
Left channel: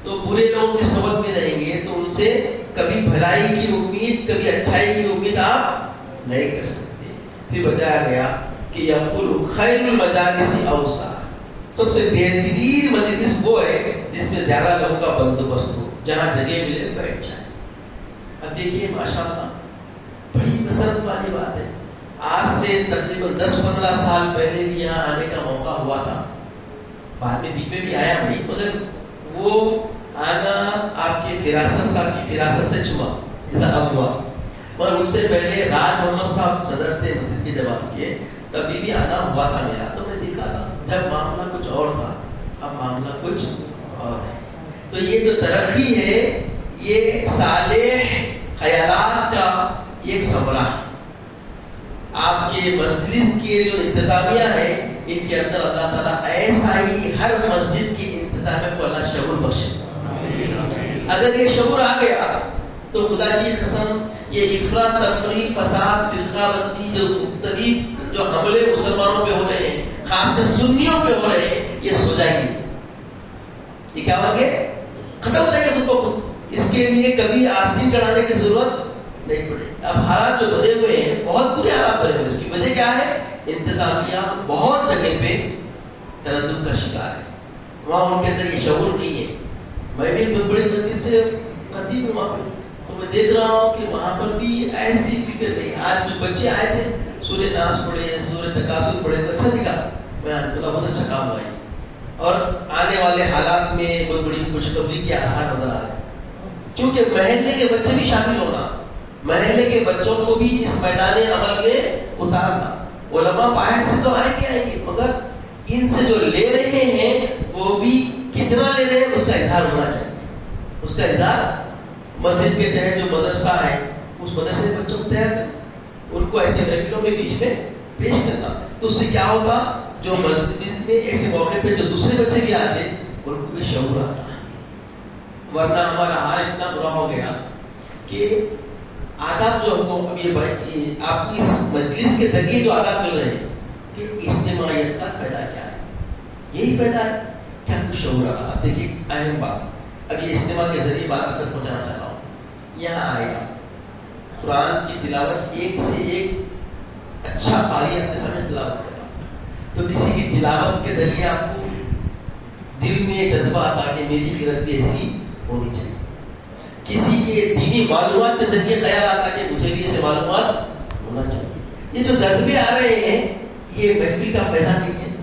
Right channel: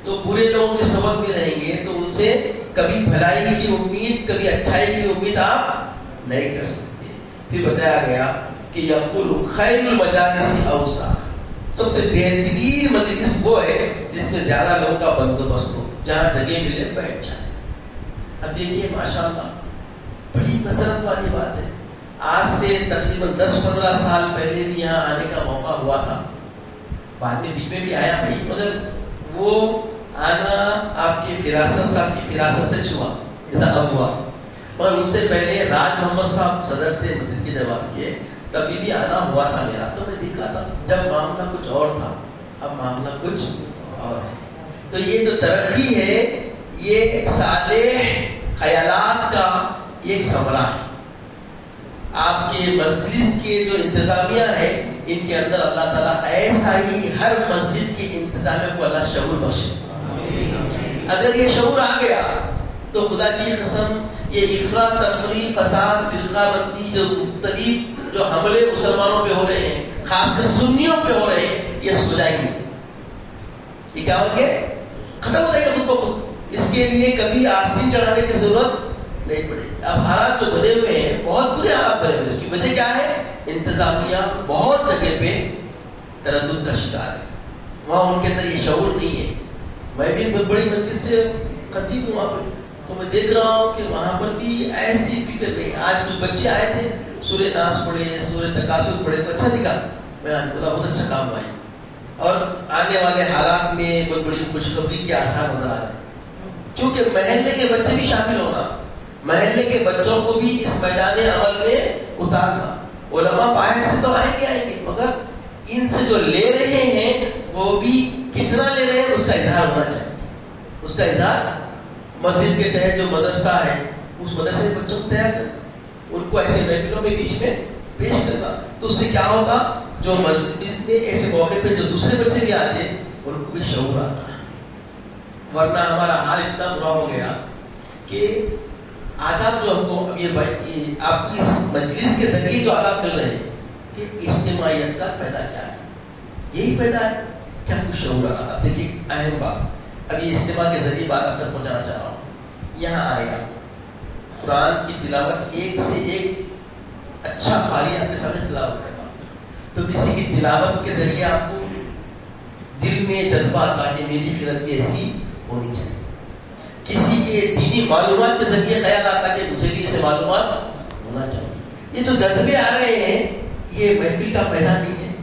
تو برے لوگوں کے سبب میں رہیں گے تو ان سے کبھی بھلائی کی امید، کبھی اچھائی کی امید آپ نہیں کر سکتے. پھر بتایا گیا کہ یقول خیر المجالس اوسع، سب سے بہترین مجلس وہ ہے جس میں زیادہ لوگوں کا بندوبست ہو، جہاں جگہ ملے بیٹھ جائے. اب دیکھیے ماشاءاللہ بڑی مسرت والی بات ہے. آج سے تقریباً 10-15 سال پہلے بھی یہاں آنے کا موقع ہوا تھا، بعد میں بیچ میں بھی آیا بھائی، مگر وہ آنا آپ کی فراست سے، آپ کی فراست سے چھوا ایسا اب ہوا. اور اس سے پہلے راج محمد صاحب صدر تھے مسجد کی جماعت کے، تبھی بھی آنا ہوا تھا میرا. تو میں دیکھا تھا جب معاملہ کچھ اور تھا، اب معاملہ کچھ اور ہے. تو یہ جو ترقی ہے یہ ایک صالح خیالات کا ایک ثمرہ ہے. آپ کے مسجد کے جو انتظامیہ ہے ان کے اندر اللہ تعالیٰ ایسا ہی ہر مسجد کے انتظامیہ کو اللہ شعور بخشے. اگر یہ شعور آ گیا تو خدا کی قسم یہ افراط تفریح، فساد، فرقہ بندی، جو مختلف جو حملے مسلمانوں پہ ہو رہے ہیں، خاص کر سنیوں پہ ہو رہے ہیں، یہ سو جائیں گے. یہ کیا ہوں گے؟ ختم ہو جائے گا خود بخود. اس کے لیے کبھی آستین چڑھانے کی ضرورت نہیں پڑے. اب حالات جو بنے ہوئے ہیں بہت برے حالات بنے ہوئے. اس کی وجہ کیا ہے؟ انتظامیہ بہت جگہ پہ تردد کا شکار ہے. وہاں ان کے اندر یہ شعور نہیں ہے. میں بھی بہت بڑی مسجد سے خطیب ہوں وہاں پہ، تو میں دیکھ رہا ہوں کہ وہاں پر بھی ایسی فکر نہیں. آج کچھ بچے آئے تھے، سورہ ناس پڑھے، سورہ تکاثر پڑھے، تو اچھا دکھا. میں بولا بہت اچھا کام ہوا ہے، اور آنے والے حالات میں بہت بڑی خوشخبری کے آثار نظر آ رہے ہیں. کیونکہ محلے کے بچے بھی شامل ہونا، محلے کے بچوں کو بھی اس میدان عمل میں اتارنا. علماء باہر سے تو آئیں گے، مگر ان سے جو لے رہے ہیں وہ بھی کتنا لے رہے ہیں اس کا اظہار ہونا چاہیے. اس کا اظہار مسجد کے تحت جو مدرسہ ہے اس مدرسے کے بچوں کو تیار کر ان کو ایسے محفلوں میں بیچ میں پیش کرنا. تو اس سے کیا ہوگا؟ جو مسجد میں ایسے موقع پہ جو دوسرے بچے بھی آتے ہیں ان کو بھی شعور آتا ہے. ورنہ ہمارا حال اتنا برا ہو گیا کہ آداب جو ہم کو اب یہ آپ کی اس مجلس کے ذریعے جو آداب مل رہے ہیں کہ اجتماعیت کا فائدہ کیا ہے؟ یہی فائدہ ہے. کیا کچھ شعور آ رہا. اب دیکھیے اہم بات، اب یہ اجتماع کے ذریعے بات اب تک پہنچانا چاہ رہا ہوں. یہاں آئے گا قرآن کی تلاوت، ایک سے ایک اچھا قاری آپ کے سامنے تلاوت کرے گا. تو کسی کی تلاوت کے ذریعے آپ کو دل میں جذبہ آتا کہ میری قرت بھی ایسی ہونی چاہیے. کسی کے دینی معلومات کے ذریعے خیال آتا کہ مجھے بھی اسے معلومات ہونا چاہیے. یہ جو جذبے آ رہے ہیں یہ محفل کا پیسہ نہیں ہے،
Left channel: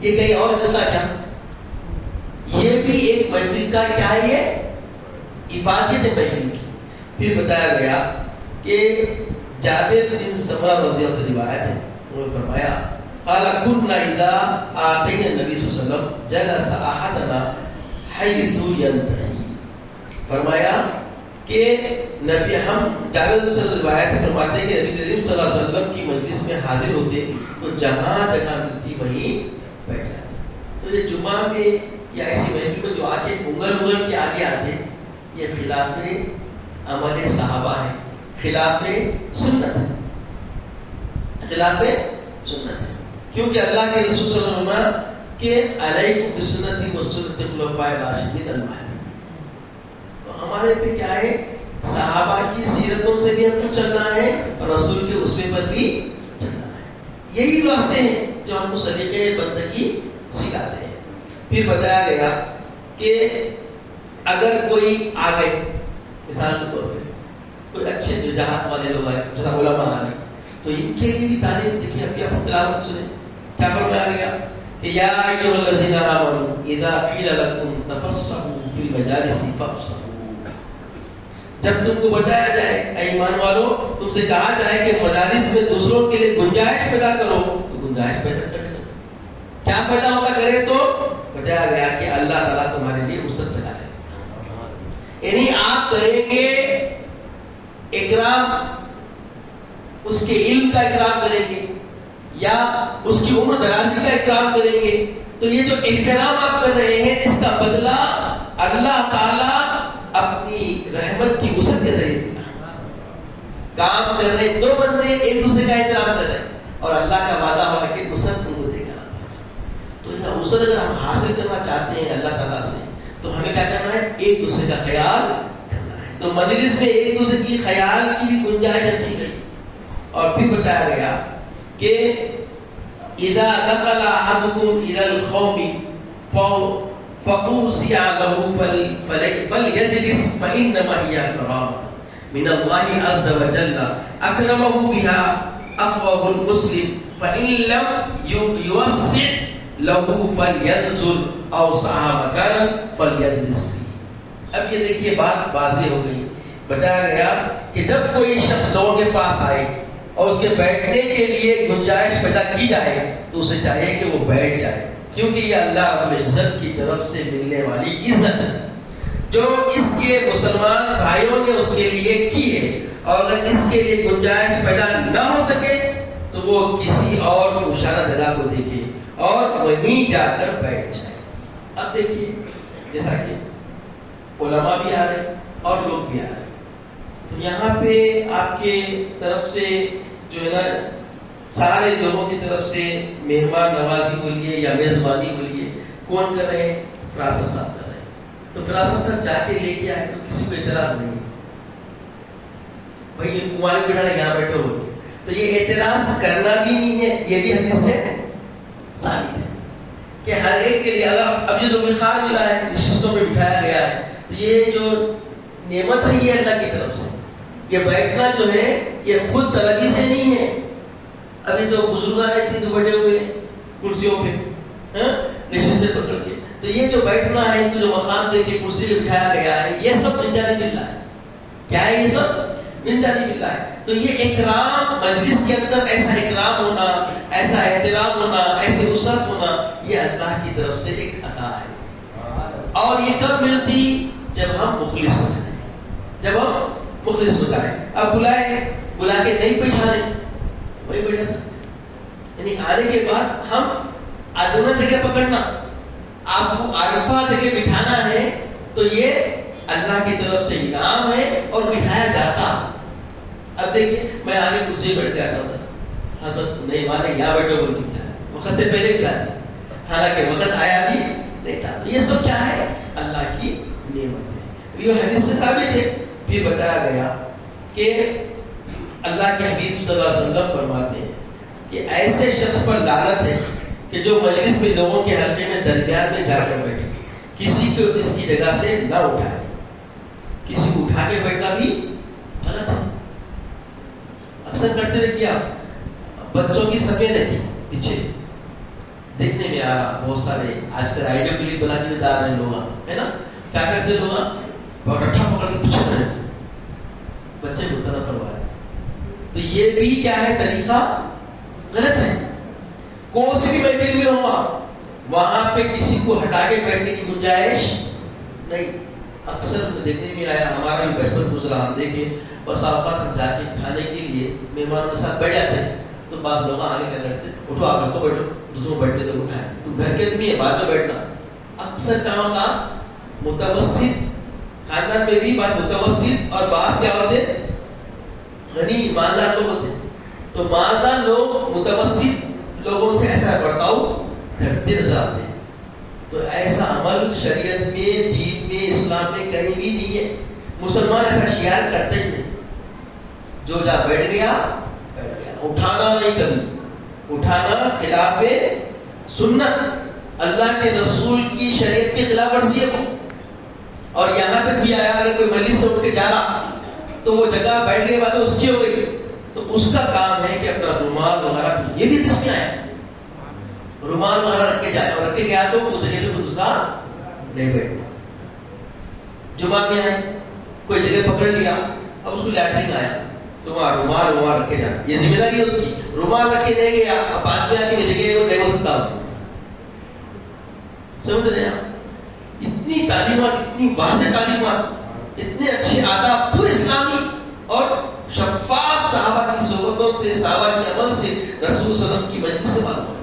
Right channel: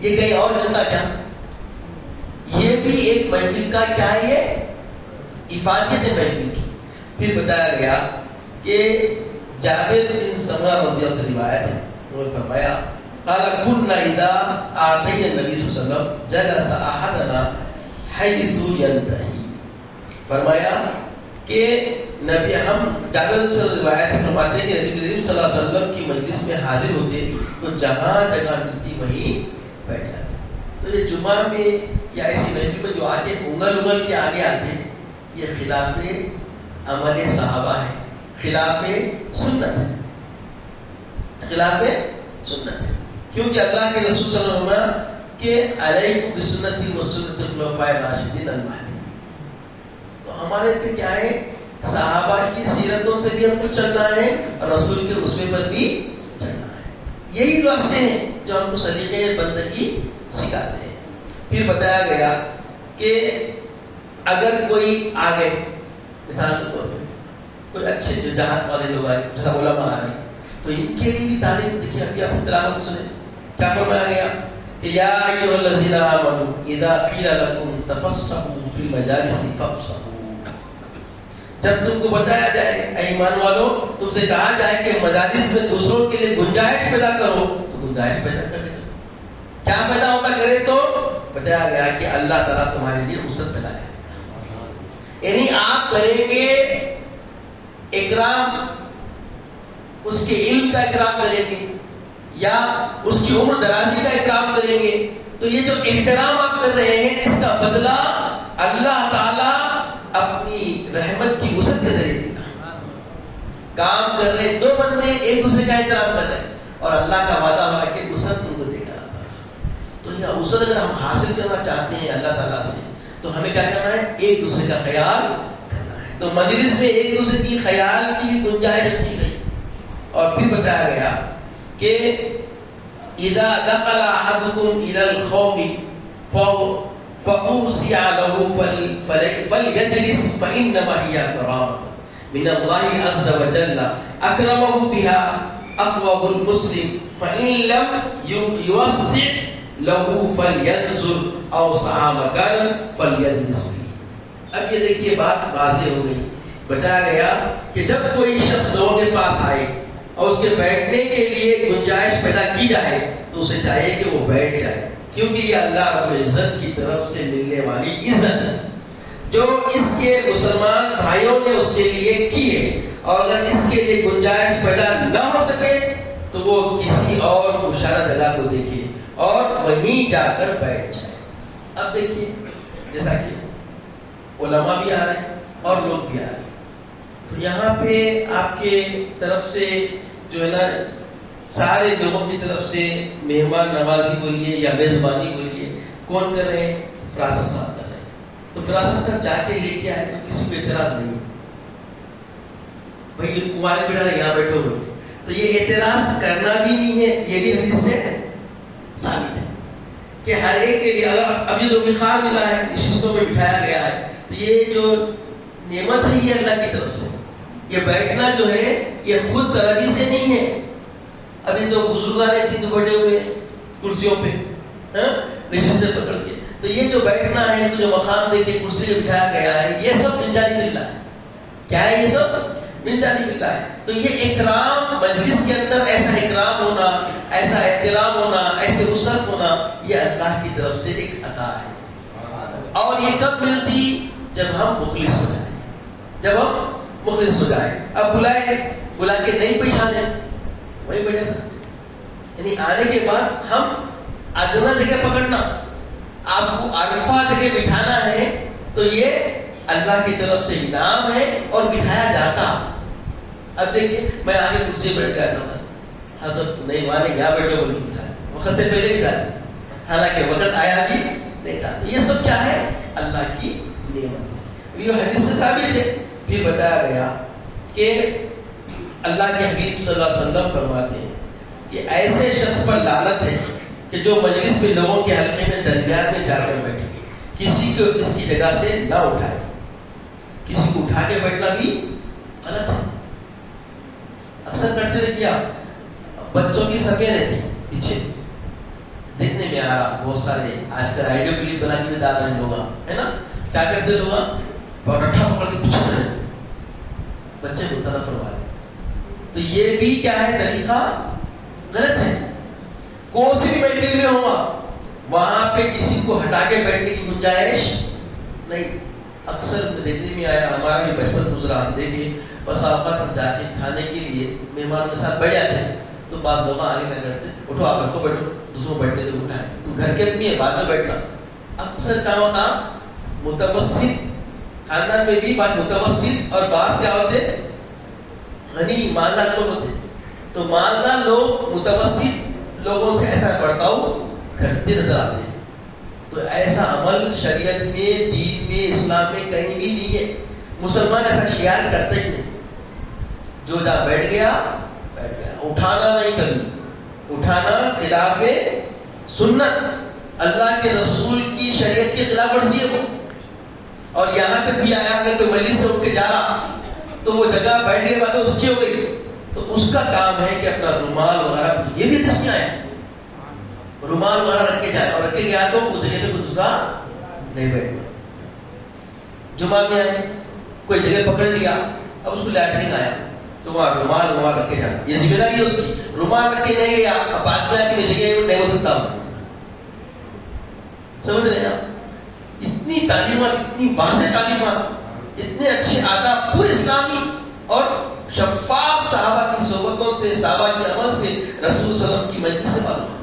یہ کہیں اور ملتا کیا؟ یہ بھی ایک محفل کا کیا ہے؟ یہ افادیت ہے محفل کی. پھر بتایا گیا کہ جابر بن سمرہ رضی اللہ عنہ سے روایت ہے، انہوں نے فرمایا قال كنا اذا اتينا النبي صلی اللہ علیہ وسلم جلس احدنا حيث ينتهي. فرمایا کہ نبی ہم جابر سے روایت فرماتے ہیں کہ نبی کریم صلی اللہ علیہ وسلم کی مجلس میں حاضر ہوتے تو جہاں جگہ ملتی وہیں بیٹھ جاتے. تو یہ جمعہ میں یا ایسی محفل میں جو آتے انگل کے آگے آتے، یہ خلاف عمل صحابہ ہے، خلاف سنت ہے، خلاف سنت ہے. کیونکہ اللہ کے رسول صلی اللہ علیہ وسلم کہ علیکم بسنتی و سنت الخلفاء الراشدین المہدیین. تو ہمارے پہ کیا ہے؟ صحابہ کی سیرتوں سے بھی ہم کو چلنا ہے اور رسول کے اسوے پر بھی چلنا ہے. یہی راستے ہیں جو ہم کو سلیقے بندگی سکھاتے ہیں. پھر بتایا گیا کہ اگر کوئی آ گئے، مثال کے طور پہ کوئی اچھے جو جہاد والے لوگ آئے، جیسا علماء آ رہے، تو ان کے لیے بھی تعلیم دیکھیے. ابھی آپ تلاوت سنیں کیا فرمایا گیا کہ یا ایھا الذین آمنوا اذا قیل لکم تفسحوا فی المجالس فافسحوا. جب تم کو بتایا جائے اے ایمان والو، تم سے کہا جائے کہ مجالس میں دوسروں کے لیے گنجائش پیدا کرو تو گنجائش پیدا کرے. کیا پیدا ہوتا کرے؟ تو بتایا گیا کہ اللہ تعالیٰ تمہارے لیے وسعت پیدا ہے. یعنی آپ کریں گے اکرام، اس کے علم کا اکرام کریں گے یا اس کی عمر درازی کا اکرام کریں گے، تو یہ جو احترام آپ کر رہے ہیں اس کا بدلہ اللہ تعالیٰ اپنی رحمت کی وسعت کے ذریعے دیتا. کام کر رہے ہیں دو بندے ایک دوسرے کا احترام کر رہے ہیں اور اللہ کا وعدہ ہوا کہ وسعت ان کو دے گا. تو یہ وسعت اگر ہم حاصل کرنا چاہتے ہیں اللہ تعالیٰ سے تو ہمیں کیا کرنا ہے؟ ایک دوسرے کا خیال کرنا ہے. تو مجلس میں ایک دوسرے کی خیال کی بھی گنجائش رکھی گئی. اور پھر بتایا گیا کہ اذا دخل احدكم الى القوم فاوصي له فليجلس فانما هي كرامه من الله عز وجل اكرمه بها اقوم المسلم فان لم يوسع له فلينظر اوسع مكان فليجلس فيه. اب یہ دیکھیے بات واضح ہو گئی. بتایا گیا کہ جب کوئی شخص لوگوں کے پاس آئے اور اس کے بیٹھنے کے لیے گنجائش پیدا کی جائے تو اسے چاہیے کہ وہ بیٹھ جائے، کیونکہ یہ اللہ رب العزت کی طرف سے ملنے والی عزت ہے جو اس کے مسلمان بھائیوں نے اس کے لیے کی ہے. اور اگر اس کے لیے گنجائش پیدا نہ ہو سکے تو وہ کسی اور مشارہ جگہ کو دیکھے اور وہیں جا کر بیٹھ جائے. اب دیکھیے جیسا کہ علماء بھی آ رہے ہیں اور لوگ بھی آ رہے ہیں، تو یہاں پہ آپ کے طرف سے جو ہے نا سارے لوگوں کی طرف سے مہمان نوازی بولیے یا میزبانی بولیے کون کر رہے ہیں؟ فراست صاحب کر رہے ہیں. تو فراست صاحب جا کے لے کے آئے تو کسی کو اعتراض نہیں ہے. بھائی یہ کمارے بیٹا یہاں بیٹھو ہوئے تو یہ اعتراض کرنا بھی نہیں ہے. یہ بھی حدیث سے ثابت ہے کہ ہر ایک کے لیے اگر اب یہ جو خان ملا ہے نشستوں میں بٹھایا گیا ہے تو یہ جو نعمت ہے یہ اللہ کی طرف سے. یہ بیٹھنا جو ہے یہ خود طلبی سے نہیں ہے. ابھی تو بزرگان اتنے تو بیٹھے ہوئے کرسیوں پہ نشستیں پکڑ کے. تو یہ جو بیٹھنا ہے تو جو مقام دے کے کرسی پہ بٹھایا گیا ہے یہ سب من جانب اللہ ہے. کیا ہے؟ یہ سب من جانب اللہ ہے. تو یہ اکرام مجلس کے اندر ایسا اکرام ہونا، ایسا احترام ہونا، ایسے اسرت ہونا یہ اللہ کی طرف سے ایک عطا ہے. اور یہ کب ملتی؟ جب ہم مخلص ہو جائیں. جب ہم مخلص ہو جائیں. اب بلا کے نہیں پہچانے وہی بیٹھے تھا. یعنی آنے کے بعد ہم ادنا جگہ پکڑنا، آپ کو عارفہ جگہ بٹھانا ہے تو یہ اللہ کی طرف سے انعام ہے اور بٹھایا جاتا. اب دیکھیے میں آگے کرسی بیٹھ کے آتا تھا حضرت نہیں مانے یہاں بیٹھے بول کے بٹھایا، وقت سے پہلے بٹھایا حالانکہ وقت آیا بھی نہیں تھا. یہ سب کیا ہے؟ اللہ کی نعمت. یہ حدیث سے ثابت ہے. پھر بتایا گیا کہ اللہ کے حبیب صلی اللہ علیہ وسلم فرماتے ہیں کہ ایسے شخص پر لعنت ہے کہ جو مجلس میں لوگوں کے حلقے میں درمیان میں جا کر بیٹھے، کسی کو اس کی جگہ سے نہ اٹھائے. کسی کو اٹھا کے بیٹھنا بھی غلط ہے. اکثر کرتے رہے کیا بچوں کی صفیں رہتی پیچھے دیکھنے میں آ رہا بہت سارے آج کل آئیڈیو کلپ بنا کے ڈال رہے لوگ ہے نا. کیا کرتے لوگ پروٹھا پکڑ کے پیچھے رہے بچے کو طرف فرمائے. تو یہ بھی کیا ہے؟ طریقہ غلط ہے. کون سی بھی محفل میں ہوا وہاں پہ کسی کو ہٹا کے بیٹھنے کی گنجائش نہیں. اکثر دیکھنے میں آیا ہمارا بھی بچپن گزرا ہم دیکھے بس اوقات جا کے کھانے کے لیے مہمانوں کے ساتھ بیٹھ جاتے تو بعض لوگ آگے کیا کرتے اٹھو آپ گھر کو بیٹھو دوسروں بیٹھنے کو اٹھائے تو گھر کے آدمی ہے بعد میں بیٹھنا. اکثر کہاں ہوتا متوسط خاندان میں بھی بات متوسط اور بعض کیا ہوتے غنی مالدار لوگ ہوتے. تو مالدار لوگ متوسط لوگوں سے ایسا برتاؤ کرتے نظر آتے ہیں. تو ایسا عمل شریعت میں دین میں اسلام میں کہیں بھی نہیں ہے. مسلمان ایسا شیار کرتے ہی نہیں. جو جا بیٹھ گیا بیٹھ گیا. اٹھانا نہیں کرنی. اٹھانا خلاف سنت اللہ کے رسول کی شریعت کی خلاف ورزی ہے. اور یہاں تک بھی آیا اگر کوئی مجلس سے اٹھ کے جا رہا تو وہ جگہ بیٹھنے کے بعد اس کی ہو گئی تو اس کا کام ہے کہ اپنا رومال وغیرہ یہ بھی دس کیا ہے رومال وغیرہ رکھ کے جائے اور رکھ کے گیا تو اس جگہ پہ دوسرا نہیں بیٹھے. جمعہ میں آئے کوئی جگہ پکڑ لیا اور اس کو لیٹرین آیا تو وہاں رومال رکھ کے جائے. یہ ذمہ داری ہے اس کی. رومال رکھ کے جائے گا اب بعد میں آ کے جگہ وہ نہیں ہو سکتا. سمجھ رہے ہیں؟ اتنی تعلیمات اتنی واضح تعلیمات اتنے اچھے آداب پورے اسلامی اور شفاف صحابہ کی صحبتوں سے صحابہ کے عمل سے رسول صلی اللہ علیہ وسلم کی مجلس سے معلوم ہے.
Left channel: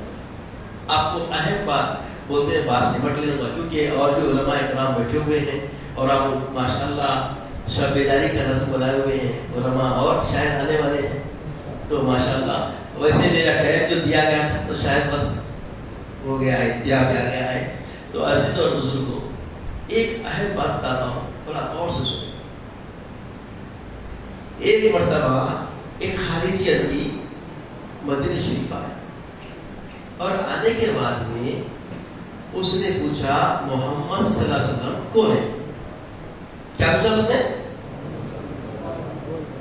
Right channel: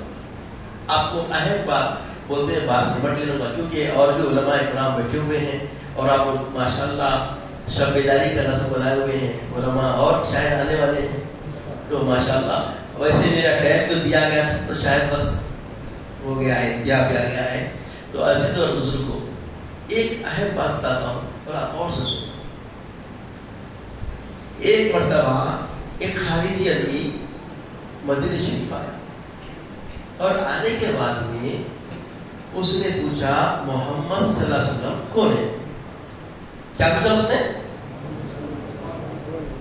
آپ کو اہم بات بولتے ہیں بات سمجھ لینا ہوگا کیونکہ اور بھی علماء اکرام بیٹھے ہوئے ہیں اور آپ لوگ ماشاء اللہ شب بیداری کا نظم بنائے ہوئے ہیں علماء اور شاید آنے والے ہیں. تو ماشاء اللہ ویسے میرا ٹائم جو دیا گیا تھا تو شاید وقت ہو گیا ہے دیا گیا ہے. تو عزیز اور بزرگوں ایک اہم بات بتاتا ہوں اور آپ اور سے سنو. ایک مرتبہ ایک خارجی آدمی مدینہ شریف آیا اور آنے کے بعد میں اس نے پوچھا محمد صلی اللہ علیہ وسلم کون ہے؟ کیا پوچھا اس نے؟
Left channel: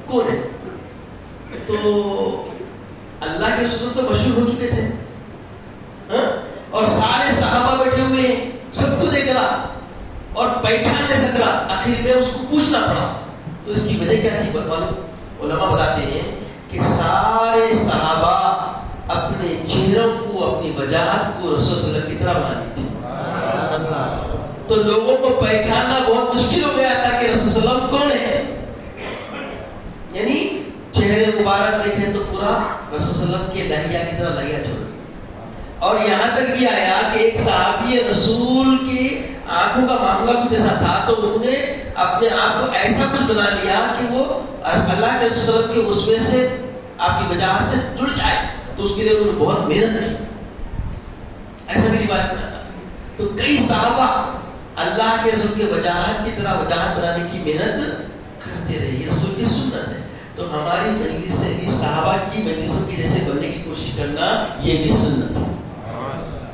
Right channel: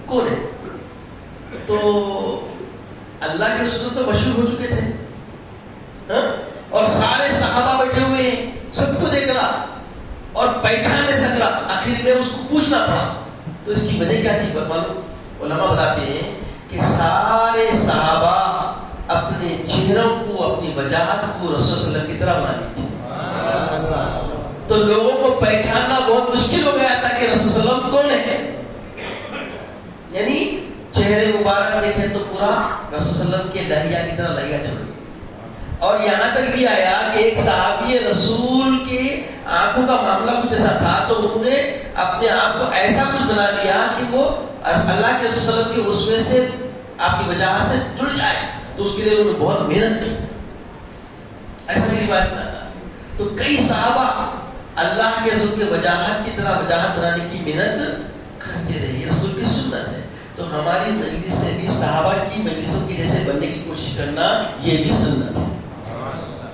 کون ہے؟ تو اللہ کے رسول تو مشہور ہو چکے تھے اور سارے صحابہ بیٹھے ہوئے ہیں سب کو دیکھ رہا اور پہچان نہیں سک رہا. آخر میں اس کو پوچھنا پڑا. تو اس کی وجہ کیا تھی علماء بتاتے ہیں کہ سارے صحابہ اپنے چہروں کو اپنی وجاہت کو رسول صلی اللہ علیہ وسلم کی طرح مانتے تھے. تو لوگوں کو پہچاننا بہت مشکل ہو گیا تھا کہ رسول صلی اللہ علیہ وسلم کون ہے. یعنی چہرے مبارک دیکھیں تو پورا رسول صلی اللہ علیہ وسلم کے لہیا کی طرح لہیا چھوڑ. اور یہاں تک بھی آیا کہ ایک صحابی رسول کے آنکھوں کا معاملہ کچھ ایسا تھا تو انہوں نے اپنے آپ کو ایسا کچھ بنا دیا کہ وہ اللہ کے رسول کے اسوے سے آپ کی وجاہت سے جڑ جائے تو اس کے لیے انہوں نے بہت محنت کی. ایسا میری بات نہ. تو کئی صحابہ اللہ کے رسول کی وجاہت کی طرح وجاہت بنانے کی محنت کرتے رہے. یہ رسول کی سنت ہے. تو ہماری مجلس سے بھی صحابہ کی مجلسوں کی جیسے بننے کی کوشش کرنا یہ بھی سنت ہے.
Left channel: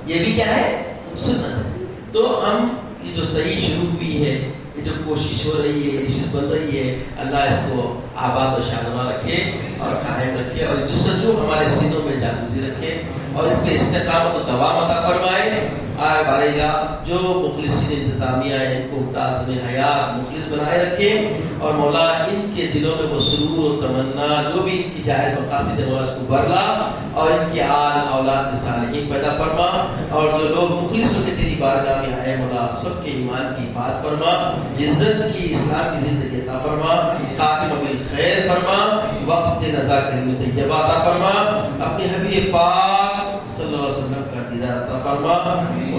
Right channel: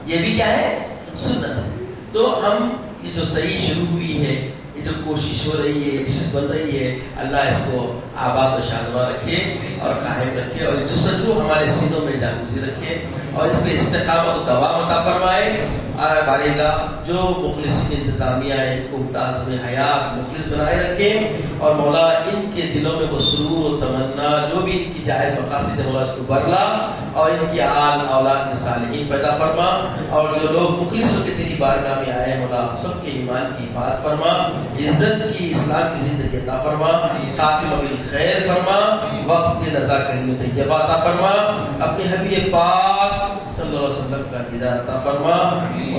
یہ بھی کیا ہے؟ سنت ہے. تو ہم یہ جو صحیح شروع ہوئی ہے, یہ جو کوشش ہو رہی ہے, رشت بن رہی ہے, اللہ اس کو آباد و شادواں رکھے اور قائم رکھے اور جستجو ہمارے سینوں میں جاگوزی رکھے اور اس پہ استقامت و دوام عطا فرمائے. بارے جو مخلصین انتظامیہ ہیں ان کو اطاعت میں حیات مخلص بنائے رکھے اور مولا ان کے دلوں میں وہ سرور و تمنا جو بھی ان کی جائز مقاصد ہے مولا اس کو برلا اور ان کی آل اولاد میں صالحین پیدا فرما اور جو لوگ مخلص ہو کے تیری بارگاہ میں آئے مولا سب کے ایمان کی حفاظت فرما, عزت کی اسلام کی زندگی عطا فرما, خاتمہ بالخیر فرما, وقت نزا کلمہ طیبہ عطا فرما, اپنے حبیب پاک صلی اللہ علیہ وسلم کا دیدار عطا فرما.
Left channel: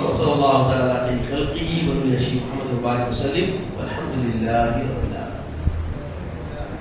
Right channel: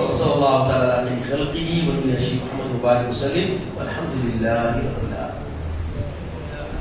وصلی اللہ تعالی علی خلقہ ونبی محمد وبارک وسلم والحمد للہ رب العالمین.